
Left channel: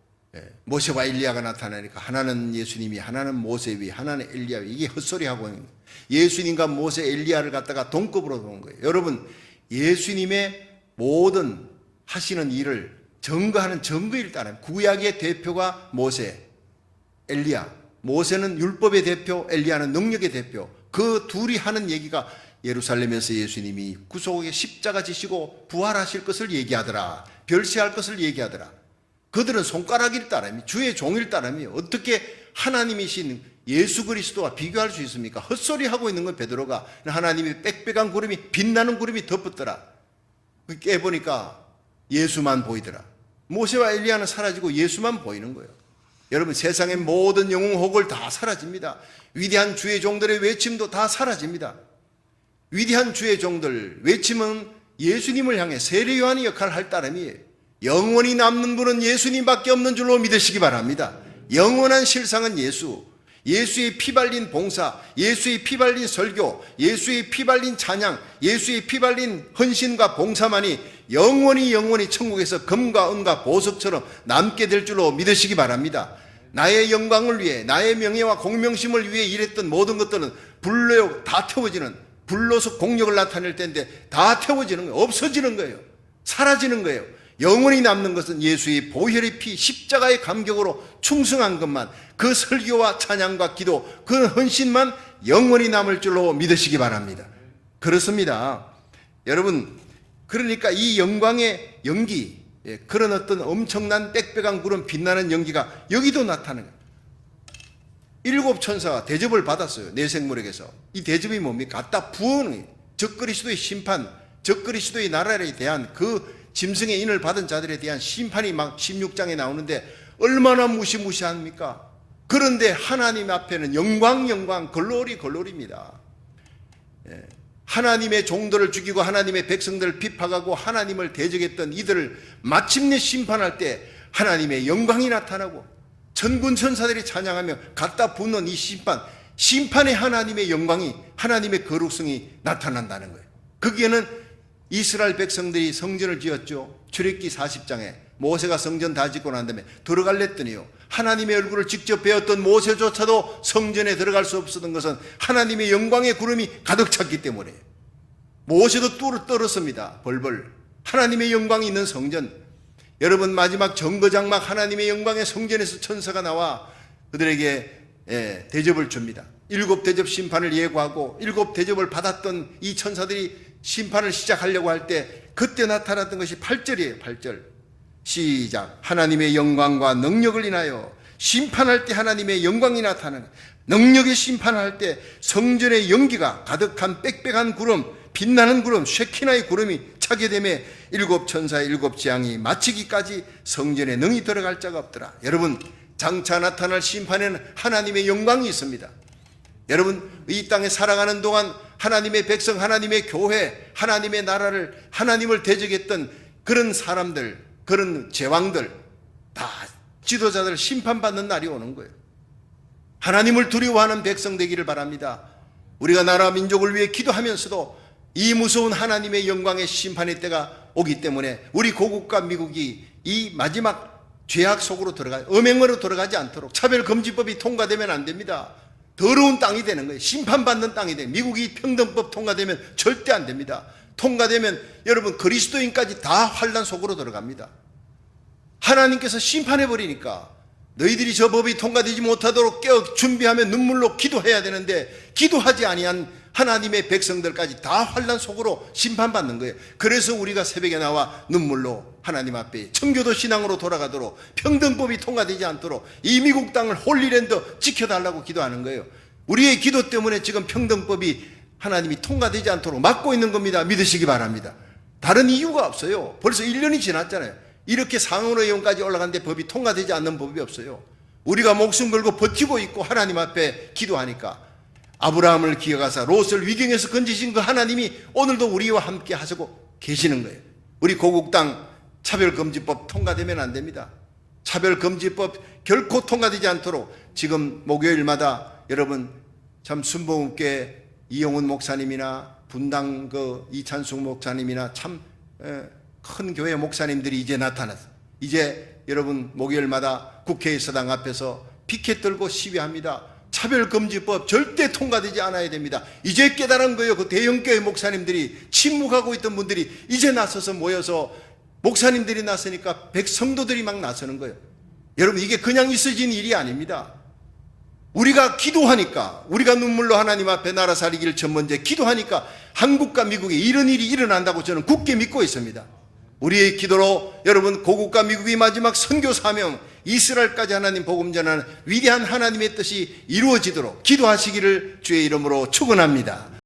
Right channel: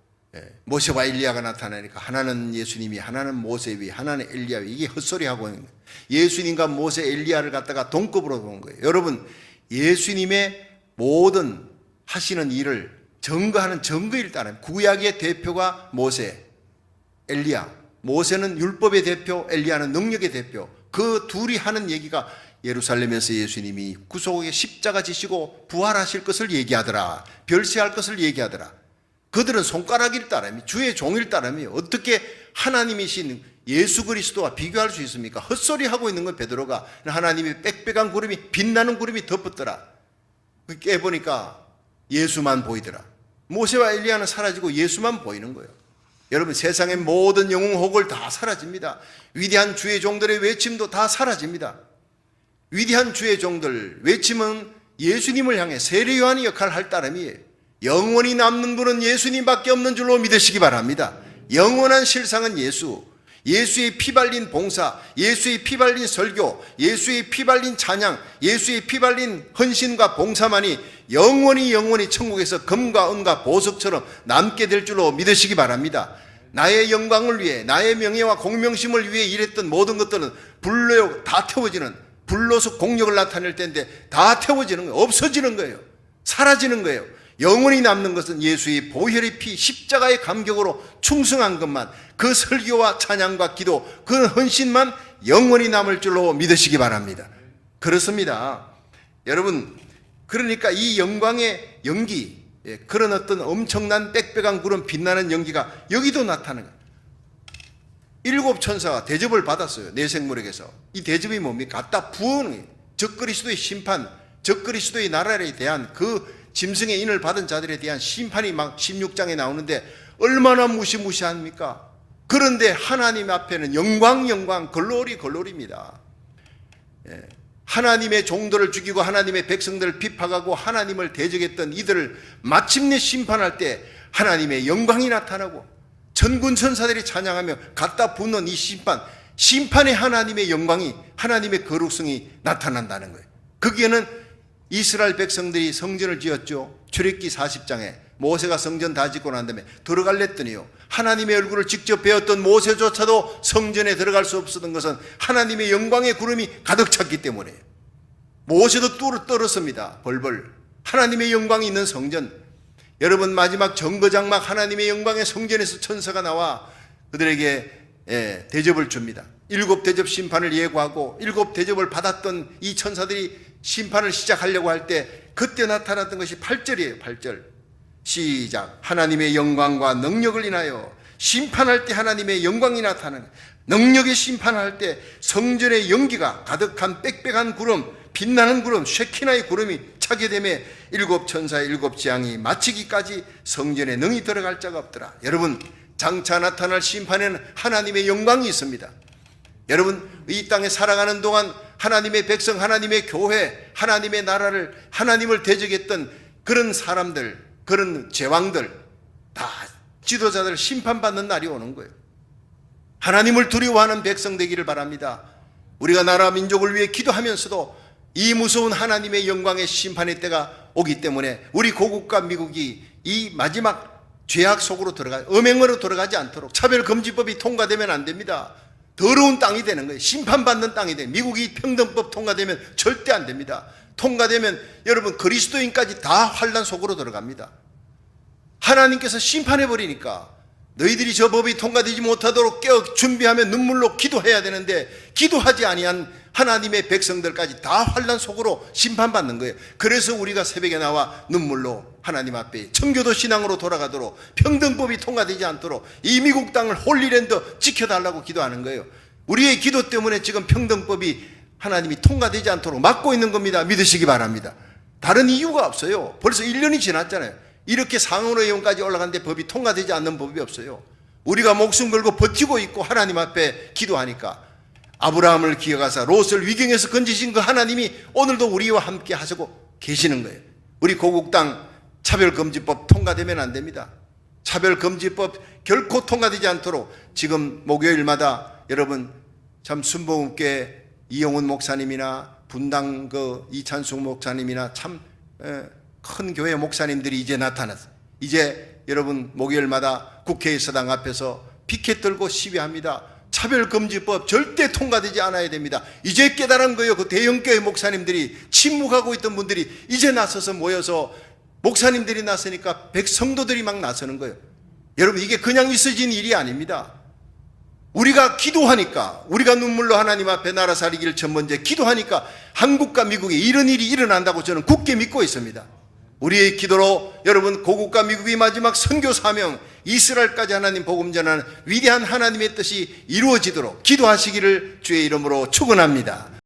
모세와 엘리야가 나타나니까 하나는 예수님이, 하나는 모세위, 하나는 엘리야위, 이게 헛소리하고 있는 거예요. 예수님과 모세, 엘리야를 갖다가 동급으로 본 거예요. 여러분 예수님의 모든 하시는 일을 증거하는 증거일 따르면 구약의 대표가 모세, 엘리야. 모세는 율법의 대표, 엘리야는 능력의 대표. 그 둘이 하는 얘기가 예루살렘에서 예수님이 구속의 십자가 지시고 부활하실 것을 얘기하더라. 별세할 것을 얘기하더라. 그들은 손가락일 따름이, 주의 종일 따름이 어떻게 하나님이신 예수 그리스도와 비교할 수 있습니까? 헛소리하고 있는 건 베드로가 하나님이 빽빽한 구름이, 빛나는 구름이 덮었더라. 깨보니까 예수만 보이더라. 모세와 엘리야는 사라지고 예수만 보이는 거예요. 여러분 세상의 모든 영웅 호걸 다 사라집니다. 위대한 주의 종들의 외침도 다 사라집니다. 위대한 주의 종들 외침은 예수님을 향해 세례 요한의 역할을 할 따름이에요. 영원히 남는 분은 예수님밖에 없는 줄로 믿으시기 바랍니다. 영원한 실상은 예수, 예수의 피 발린 봉사, 예수의 피 발린 설교, 예수의 피 발린 찬양, 예수의 피 발린 헌신과 봉사만이 영원히 천국에서 금과 은과 보석처럼 남게 될 줄로 믿으시기 바랍니다. 나의 영광을 위해, 나의 명예와 공명심을 위해 일했던 모든 것들은 불로 다 태워지는, 불로서 공력을 나타낼 텐데 다 태워지는 거예요. 없어지는 거예요. 사라지는 거예요. 영원히 남는 것은 예수의 보혈의 피, 십자가의 감격으로 충성한 것만, 그 설교와 찬양과 기도, 그 헌신만 영원히 남을 줄로 믿으시기 바랍니다. 그렇습니다. 여러분, 그러니까 이 영광의 연기, 그런 어떤 엄청난 빽빽한 구름 빛나는 연기가 여기도 나타나는 거예요. 7 천사가 대접을 받았어요. 내생물에게서. 이 대접이 뭡니까? 갖다 부어는 적그리스도의 심판, 적그리스도의 나라에 대한 그 짐승의 인을 받은 자들에 대한 심판이 막 16장에 나오는데 얼마나 무시무시합니까? 그런데 하나님 앞에는 영광, 글로리입니다. 하나님의 종들을 죽이고 하나님의 백성들을 비판하고 하나님을 대적했던 이들을 마침내 심판할 때 하나님의 영광이 나타나고 천군 천사들이 찬양하며 갖다 붓는 이 심판의 하나님의 영광이, 하나님의 거룩성이 나타난다는 거예요. 거기에는 이스라엘 백성들이 성전을 지었죠. 출애굽기 40장에 모세가 성전 다 짓고 난 다음에 들어갈랬더니요, 하나님의 얼굴을 직접 배웠던 모세조차도 성전에 들어갈 수 없었던 것은 하나님의 영광의 구름이 가득 찼기 때문에 모세도 뚫어 떨었습니다. 벌벌. 하나님의 영광이 있는 성전. 여러분 마지막 정거장막 하나님의 영광의 성전에서 천사가 나와 그들에게 대접을 줍니다. 7 대접 심판을 예고하고 7 대접을 받았던 이 천사들이 심판을 시작하려고 할 때 그때 나타났던 것이 8절이에요. 8절 시작. 하나님의 영광과 능력을 인하여 심판할 때 하나님의 영광이 나타나는, 능력의 심판할 때 성전의 연기가 가득한 빽빽한 구름, 빛나는 구름, 쉐키나의 구름이 차게 되매 7 천사의 7 재앙이 마치기까지 성전에 능히 들어갈 자가 없더라. 여러분 장차 나타날 심판에는 하나님의 영광이 있습니다. 여러분 이 땅에 살아가는 동안 하나님의 백성, 하나님의 교회, 하나님의 나라를, 하나님을 대적했던 그런 사람들, 그런 제왕들, 다 지도자들 심판받는 날이 오는 거예요. 하나님을 두려워하는 백성 되기를 바랍니다. 우리가 나라 민족을 위해 기도하면서도 이 무서운 하나님의 영광의 심판의 때가 오기 때문에 우리 고국과 미국이 이 마지막 죄악 속으로 음행으로 들어가지 않도록 차별금지법이 통과되면 안 됩니다. 더러운 땅이 되는 거예요. 심판받는 땅이 돼요. 미국이 평등법 통과되면 절대 안 됩니다. 통과되면 여러분 그리스도인까지 다 환란 속으로 들어갑니다. 하나님께서 심판해버리니까 너희들이 저 법이 통과되지 못하도록 깨어 준비하며 눈물로 기도해야 되는데 기도하지 아니한 하나님의 백성들까지 다 환난 속으로 심판받는 거예요. 그래서 우리가 새벽에 나와 눈물로 하나님 앞에 청교도 신앙으로 돌아가도록, 평등법이 통과되지 않도록 이 미국 땅을 홀리랜드 지켜달라고 기도하는 거예요. 우리의 기도 때문에 지금 평등법이 하나님이 통과되지 않도록 막고 있는 겁니다. 믿으시기 바랍니다. 다른 이유가 없어요. 벌써 1년이 지났잖아요. 이렇게 상원의원까지 올라갔는데 법이 통과되지 않는 법이 없어요. 우리가 목숨 걸고 버티고 있고 하나님 앞에 기도하니까, 아브라함을 기억하사 롯을 위경에서 건지신 그 하나님이 오늘도 우리와 함께 하시고 계시는 거예요. 우리 고국 땅 차별금지법 통과되면 안 됩니다. 차별금지법 결코 통과되지 않도록 지금 목요일마다 여러분 참 순복음교회 이용훈 목사님이나 분당 그 이찬숙 목사님이나 참 큰 교회 목사님들이 이제 나타났어요. 이제 여러분 목요일마다 국회의사당 앞에서 피켓 들고 시위합니다. 차별금지법 절대 통과되지 않아야 됩니다. 이제 깨달은 거예요. 그 대형교회 목사님들이, 침묵하고 있던 분들이 이제 나서서 모여서, 목사님들이 나서니까 백성도들이 막 나서는 거예요. 여러분 이게 그냥 있어진 일이 아닙니다. 우리가 기도하니까, 우리가 눈물로 하나님 앞에 나라 살리기를 첫 번째 기도하니까 한국과 미국에 이런 일이 일어난다고 저는 굳게 믿고 있습니다. 우리의 기도로 여러분 고국과 미국의 마지막 선교 사명, 이스라엘까지 하나님 복음 전하는 위대한 하나님의 뜻이 이루어지도록 기도하시기를 주의 이름으로 축원합니다.